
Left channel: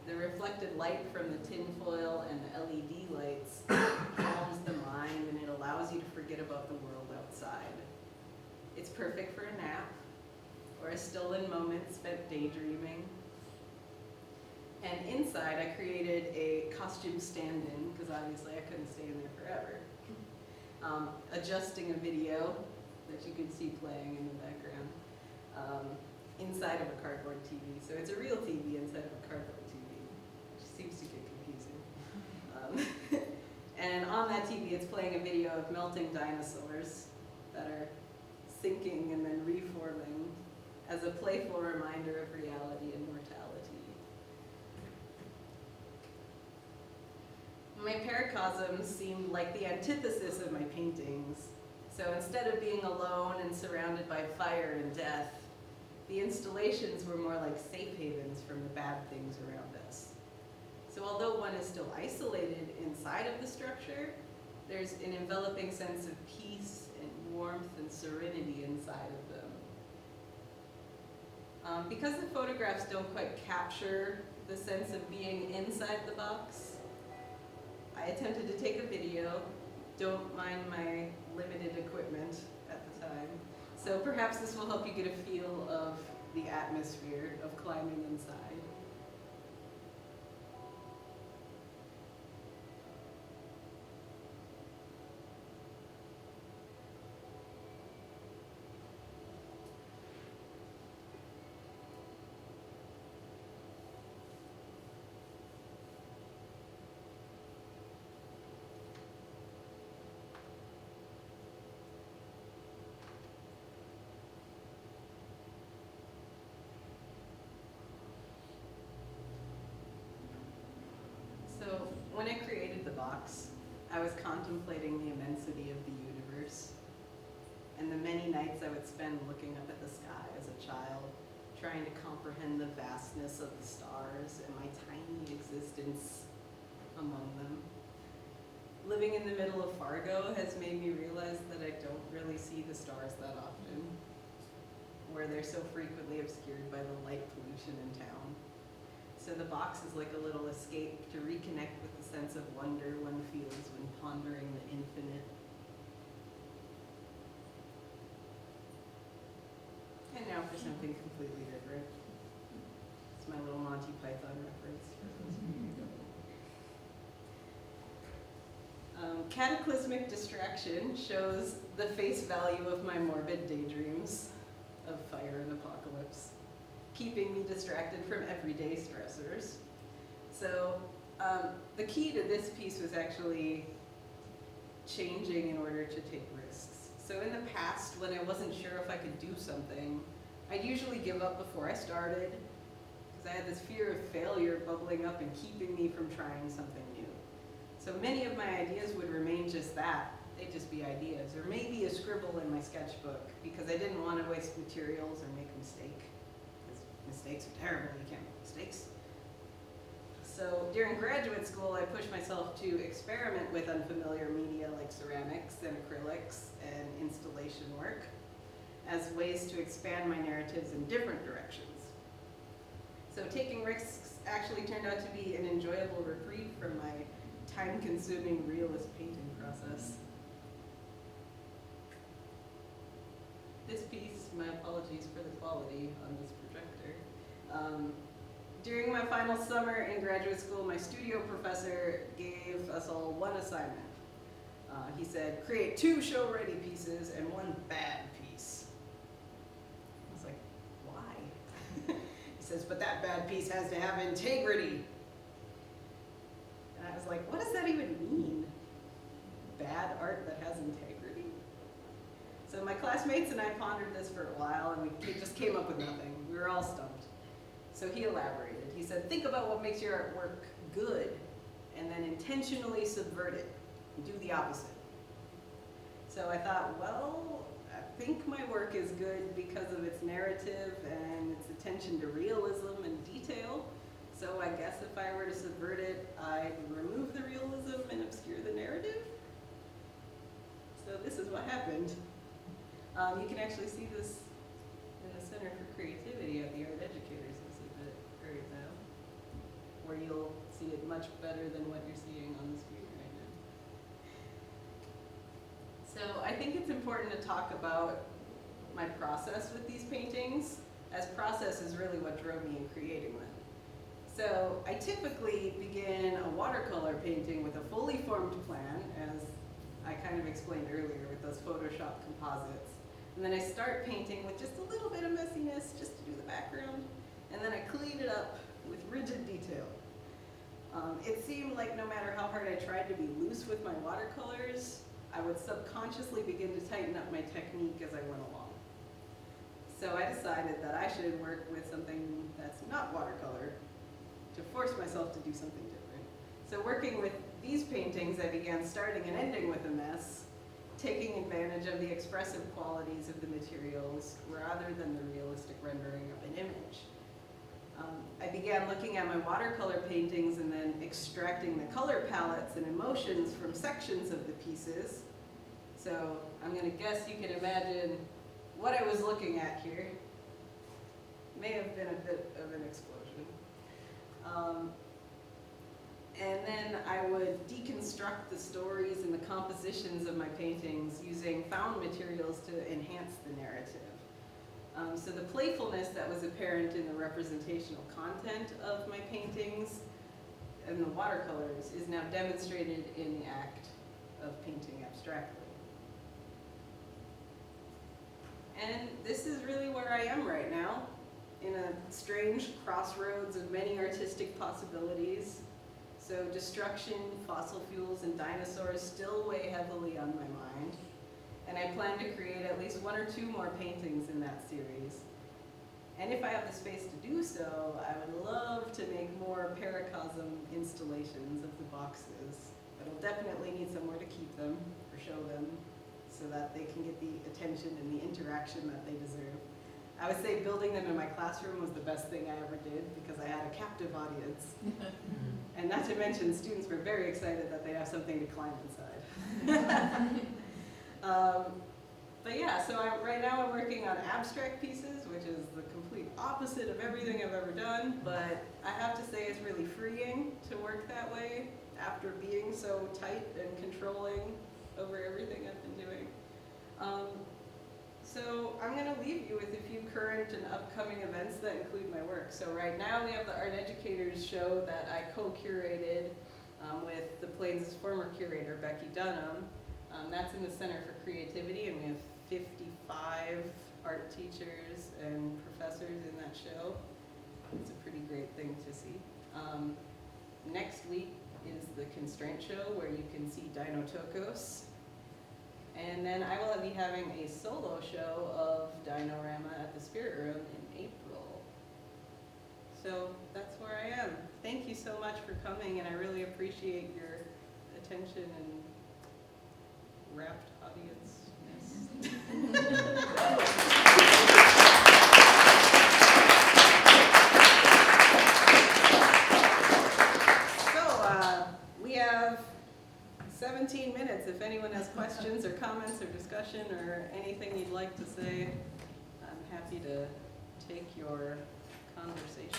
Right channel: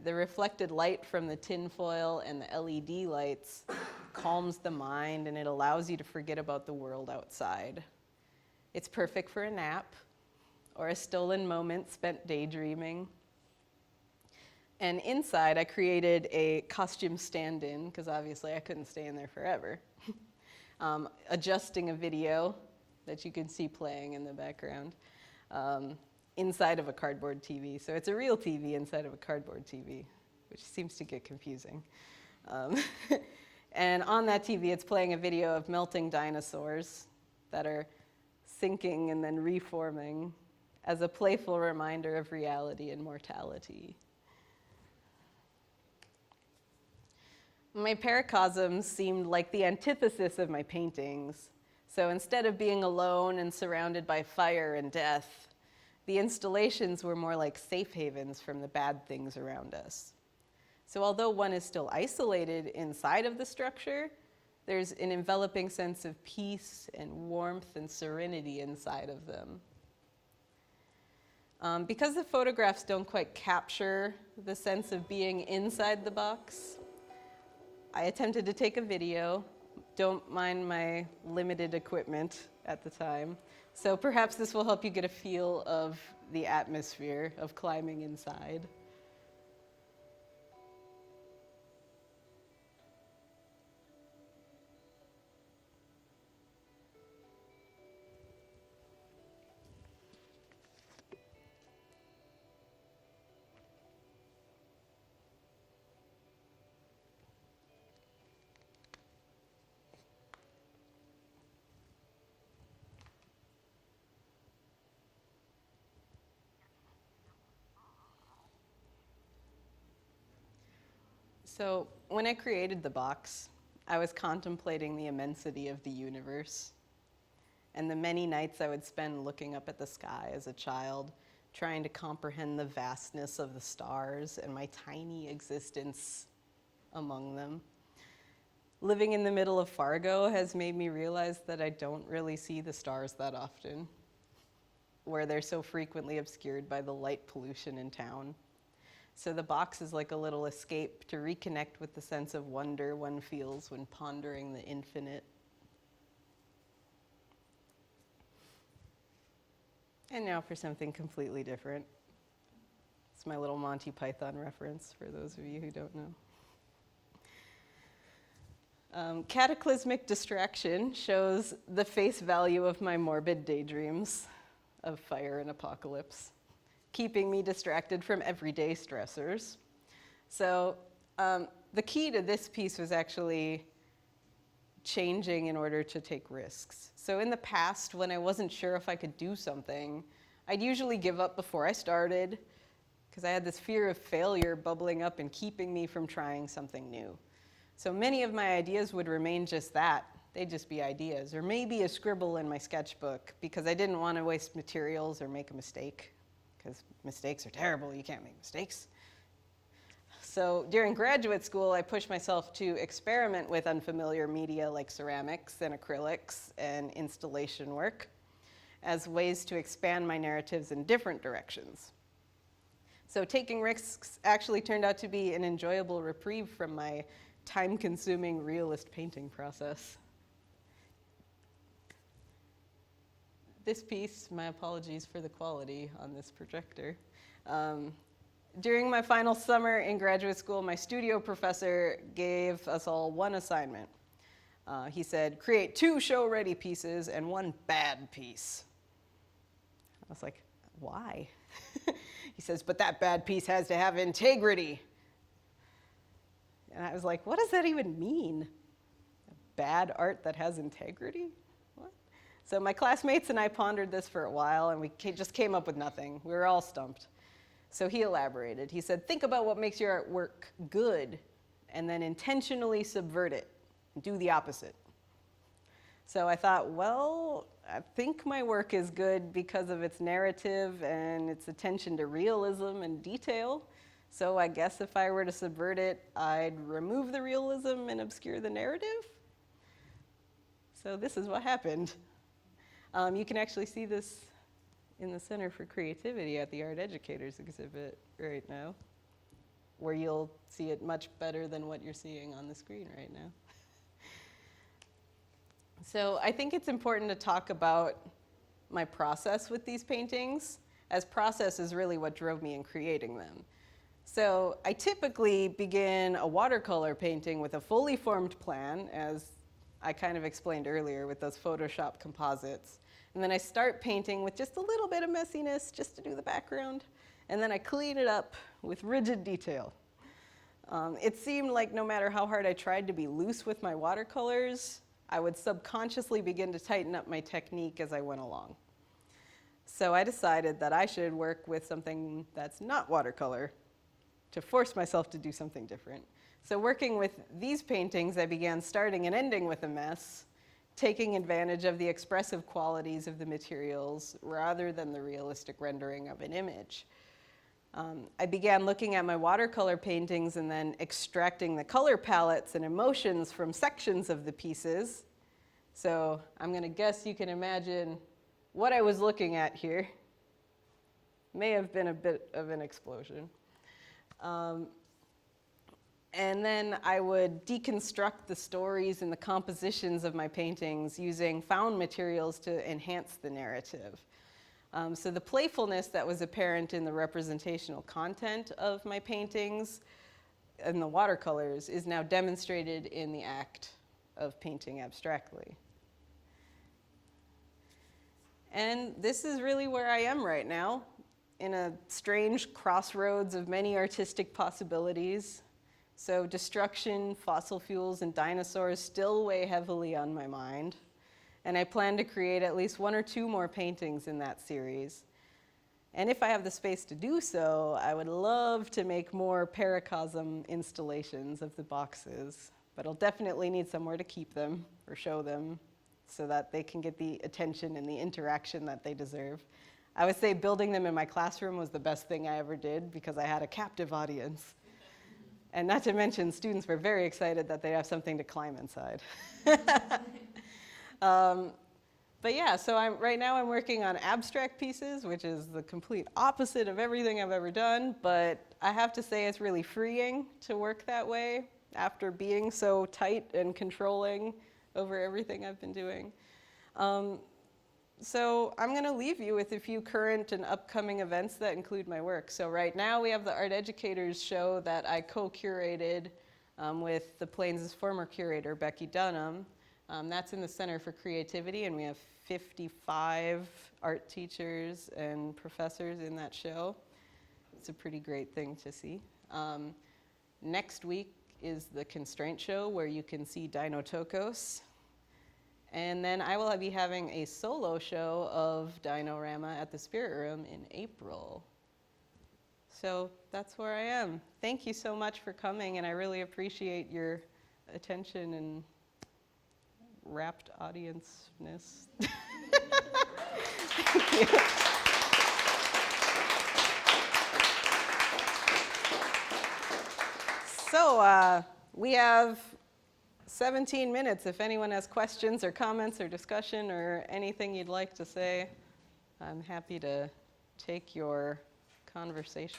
The reflected light from the tinfoil and the LED lights calms the mind, and it allows you to forget about the world outside. It's perfect for a nap or a stolen moment spent daydreaming. And inside, I created a costume stand-in, because obviously I couldn't stay in there forever, adjusting a video that you could see playing in the background inside of a cardboard TV. So it's a real TV inside of a cardboard TV, which seems to get confusing. And on that TV, it's playing a video of melting dinosaurs that are sinking and then reforming as a playful reminder of reality and mortality. My paracosms seemed like the antithesis of my paintings. So instead of being alone and surrounded by fire and death, The installations were more like safe havens from the bad things around us. So although one is still isolated inside of the structure, there's an enveloping sense of peace and warmth and serenity inside of them. Because the photographs don't quite capture the sense of being inside the box, I attempted to take a video. Don't mind my limited equipment at the time. So perhaps this will help you get a feel of the atmosphere of climbing inside. So when I created the box, I was contemplating the immensity of the universe and the many nights I would spend looking up at the sky as a child, trying to comprehend the vastness of the stars and my tiny existence among them. Living in the middle of Fargo has made me realize that I don't really see the stars that often, where they're so frequently obscured by the light pollution in town. So the box is like a little escape to reconnect with the sense of wonder one feels when pondering the infinite. And now for something completely different. It's my little Monty Python reference for those of you who don't know. Cataclysmic distraction shows the face value of my morbid daydreams of fire and apocalypse, keeping me distracted from everyday stressors. So the key to this piece was actually changing in order to take risks. So in the past, when I wasn't sure if I could do something, I'd usually give up before I started because I had this fear of failure bubbling up and keeping me from trying something new. So many of my ideas would remain just that. They'd just be ideas, or maybe a scribble in my sketchbook because I didn't want to waste materials or make a mistake. Because mistakes are terrible, you can't make mistakes. So during graduate school, I pushed myself to experiment with unfamiliar media like ceramics and acrylics and installation work as ways to expand my narratives in different directions. So taking risks actually turned out to be an enjoyable reprieve from my time-consuming realist painting process. This piece, my apologies for the quality on this projector. During my final summer in graduate school, my studio professor gave us all one assignment. He said, create 2 show-ready pieces and 1 bad piece. I was like, why? He says, but that bad piece has to have integrity. And I was like, what does that even mean? Bad art that has integrity? So my classmates and I pondered this for a while, and we just came up with nothing. We were all stumped. So he elaborated. He said, think about what makes your artwork good, and then intentionally subvert it. Do the opposite. So I thought, well, I think my work is good because of its narrative and its attention to realism and detail. So I guess if I were to subvert it, I'd remove the realism and obscure the narrative. So this is what happened. You can actually see this in the Center for Creativity at the Art Educators exhibit right now, where you'll see it much better than what you're seeing on the screen right now. So I think it's important to talk about my process with these paintings, as process is really what drove me in creating them. So I typically begin a watercolor painting with a fully formed plan, as I kind of explained earlier with those Photoshop composites. And then I start painting with just a little bit of messiness just to do the background. And then I clean it up with rigid detail. It seemed like no matter how hard I tried to be loose with my watercolors, I would subconsciously begin to tighten up my technique as I went along. So I decided that I should work with something that's not watercolor to force myself to do something different. So working with these paintings, I began starting and ending with a mess, taking advantage of the expressive qualities of the materials rather than the realistic rendering of an image. I began looking at my watercolor paintings and then extracting the color palettes and emotions from sections of the pieces. So I'm going to guess you can imagine what I was looking at here. May have been a bit of an explosion. And then I would deconstruct the stories and the compositions of my paintings using found materials to enhance the narrative. So the playfulness that was apparent in the representational content of my paintings and the watercolors is now demonstrated in the act of painting abstractly. And this is really where I am right now, in a strange crossroads of many artistic possibilities. So destruction, fossil fuels, and dinosaurs still weigh heavily on my mind. And I plan to create at least 1 or 2 more paintings in that series. And if I have the space to do so, I would love to make more paracosm installations of the boxes. But I'll definitely need somewhere to keep them or show them so that they can get the attention and the interaction that they deserve. I would say building them in my classroom was the best thing I ever did because I had a captive audience. And not to mention, students were very excited that they have something to climb inside. But yeah, so right now I'm working on abstract pieces, which is the complete opposite of everything I've ever done. But I have to say it's really freeing to work that way after being so tight and controlling over everything I've been doing. So I'm going to leave you with a few current and upcoming events that include my work. So right now we have the Art Educators show that I co-curated with the Plains' former curator, Becky Dunham. That's in the Center for Creativity, and we have 55 art teachers and professors in that show. It's a pretty great thing to see. Next week is the Constraint Show, where you can see Dino Tokos. And then I will be having a solo show of Dinorama at the Spirit Room in April. So that's where I am. Thank you so much for coming, and I really appreciate your attention and rapt audience-ness. So we have 17 minutes. If anyone has questions or comments or discussion or anything you'd like to say, I'm happy to take your conversation.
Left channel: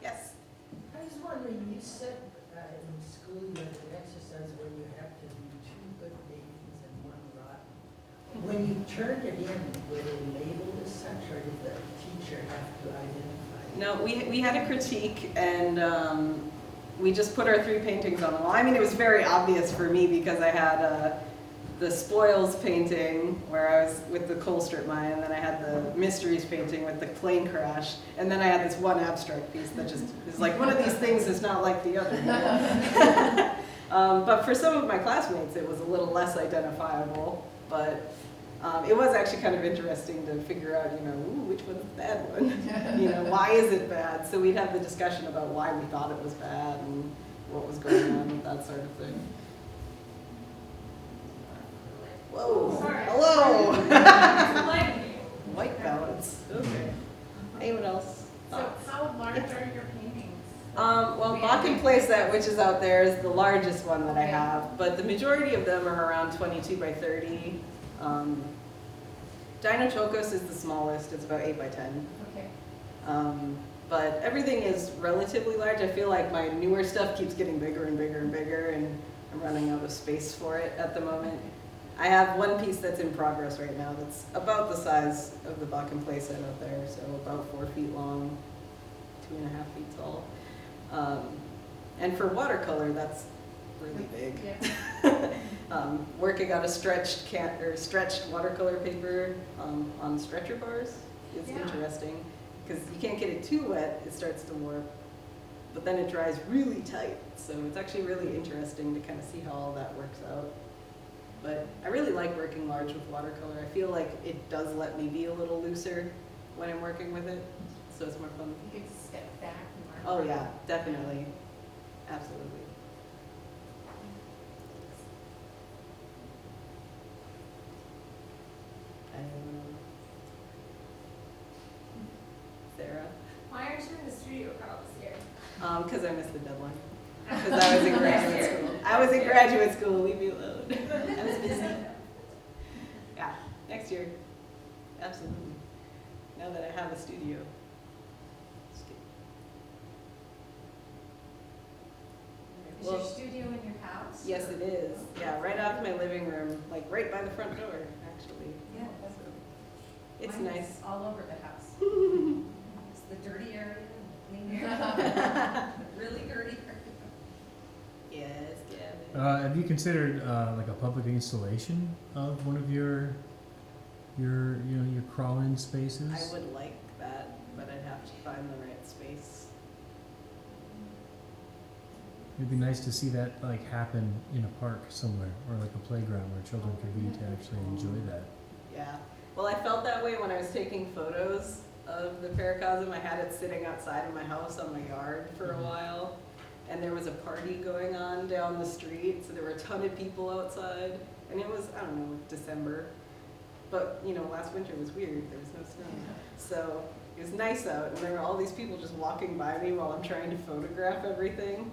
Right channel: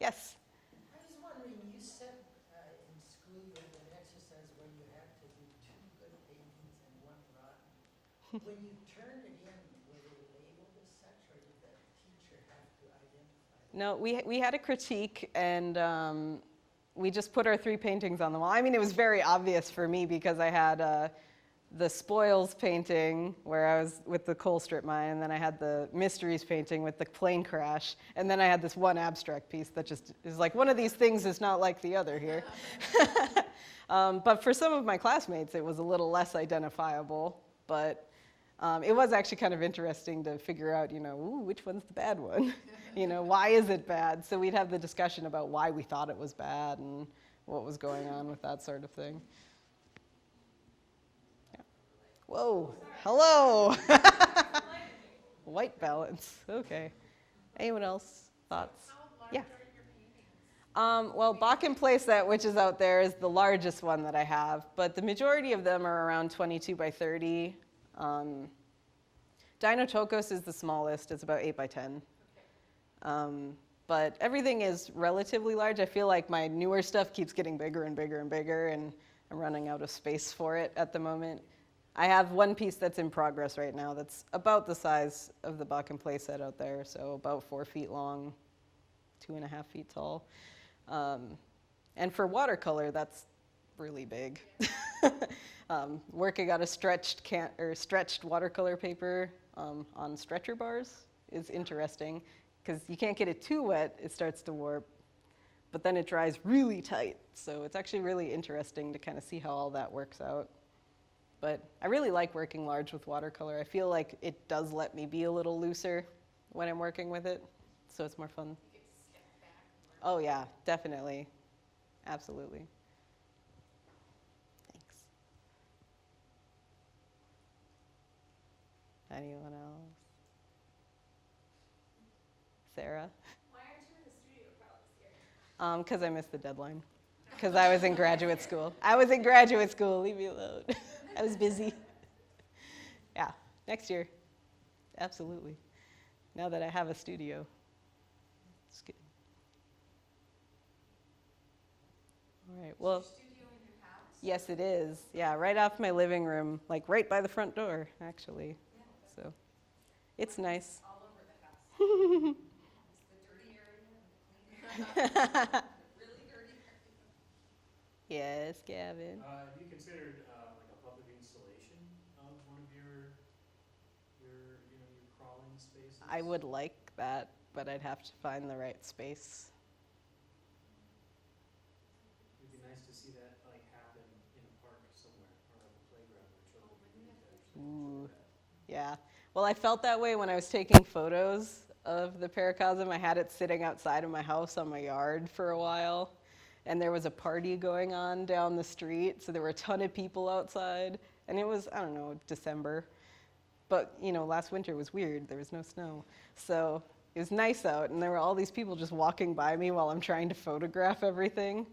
Yes? I was wondering, you said in school you had an exercise where you have to do 2 good paintings and 1 rotten. When you turned it in, were they labeled as such, or did the teacher have to identify? No, we had a critique, and we just put our 3 paintings on the wall. I mean, it was very obvious for me because I had the Spoils painting where I was with the coal strip mine, and then I had the Mysteries painting with the plane crash, and then I had this one abstract piece that just is like, one of these things is not like the other. You know? But for some of my classmates, it was a little less identifiable, but it was actually kind of interesting to figure out, you know, ooh, which one's the bad one? You know, why is it bad? So we'd have the discussion about why we thought it was bad and what was going on, that sort of thing. Whoa, Sorry. hello. White balance, okay. Anyone else? So how large are your paintings? Well, Bakken Place, which is out there, is the largest one that I have, but the majority of them are around 22 by 30. Dino Tokos is the smallest, it's about 8 by 10. Okay. But everything is relatively large. I feel like my newer stuff keeps getting bigger and bigger and bigger, and I'm running out of space for it at the moment. I have one piece that's in progress right now that's about the size of the Bakken Place set out there, so about 4 feet long, 2.5 feet tall. And for watercolor, that's really big. Yeah. Working on a stretched watercolor paper on stretcher bars is interesting because you can't get it too wet, it starts to warp, but then it dries really tight. So it's actually really interesting to kind of see how all that works out. But I really like working large with watercolor. I feel like it does let me be a little looser when I'm working with it, so it's more fun. You could step back and work. Oh yeah, definitely, absolutely. Sarah? Why aren't you in the studio crowd this year? Because I missed the deadline. Because I was in graduate school. I was in graduate school, leave me alone. I was busy. Yeah, next year. Absolutely. Now that I have a studio. It's good. All right, Is well, your studio in your house? yes, it is. Yeah, right off my living room, like right by the front door, actually. Yeah. So it's Mine is nice. all over the house. It's the dirty area and the clean area. Really dirty area. Yes, Gavin. Have you considered like a public installation of one of your your crawl-in spaces? I would like that, but I'd have to find the right space. It'd be nice to see that like happen in a park somewhere or like a playground where children could be to actually enjoy that. Yeah. Well, I felt that way when I was taking photos of the paracosm. I had it sitting outside of my house on my yard for a while. And there was a party going on down the street, so there were a ton of people outside. And it was, I don't know, December. But, last winter was weird. There was no snow. So it was nice out, and there were all these people just walking by me while I'm trying to photograph everything.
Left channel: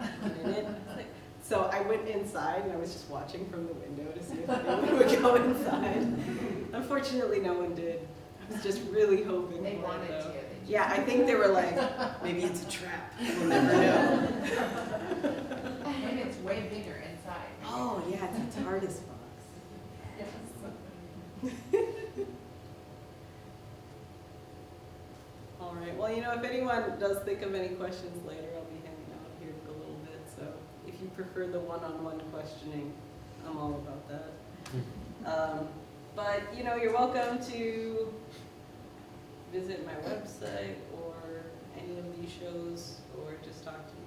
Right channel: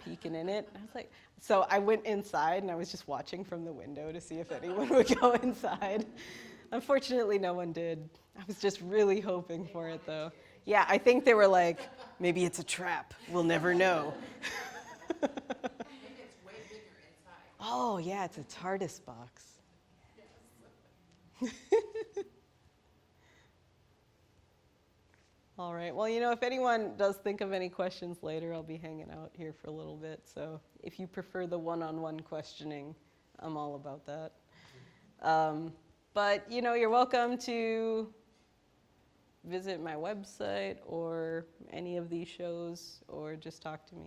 Peeking in it. So I went inside, and I was just watching from the window to see if anyone would go inside. Unfortunately, no one did. I was just really hoping They for wanted it, though. to. Yeah, I think they were like, maybe it's a trap. We'll never know. Maybe it's way bigger inside. Oh, yeah, it's a TARDIS box. All right. Well, if anyone does think of any questions later, I'll be hanging out here for a little bit. So if you prefer the one-on-one questioning, I'm all about that. But, you're welcome to visit my website or any of these shows or just talk to me.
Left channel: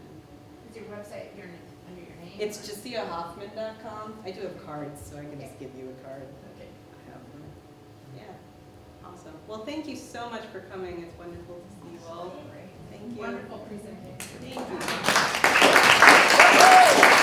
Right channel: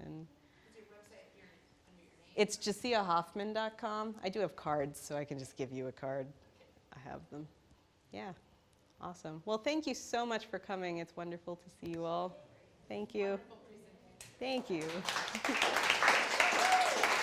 And Is your website under your name? it's JessiaHoffman.com. I do have cards, so I can just give you a card. Okay. I have them. Yeah. Awesome. Well, thank you so much for coming. It's wonderful to see you all. Great. Thank you. Wonderful presentation. Thank you.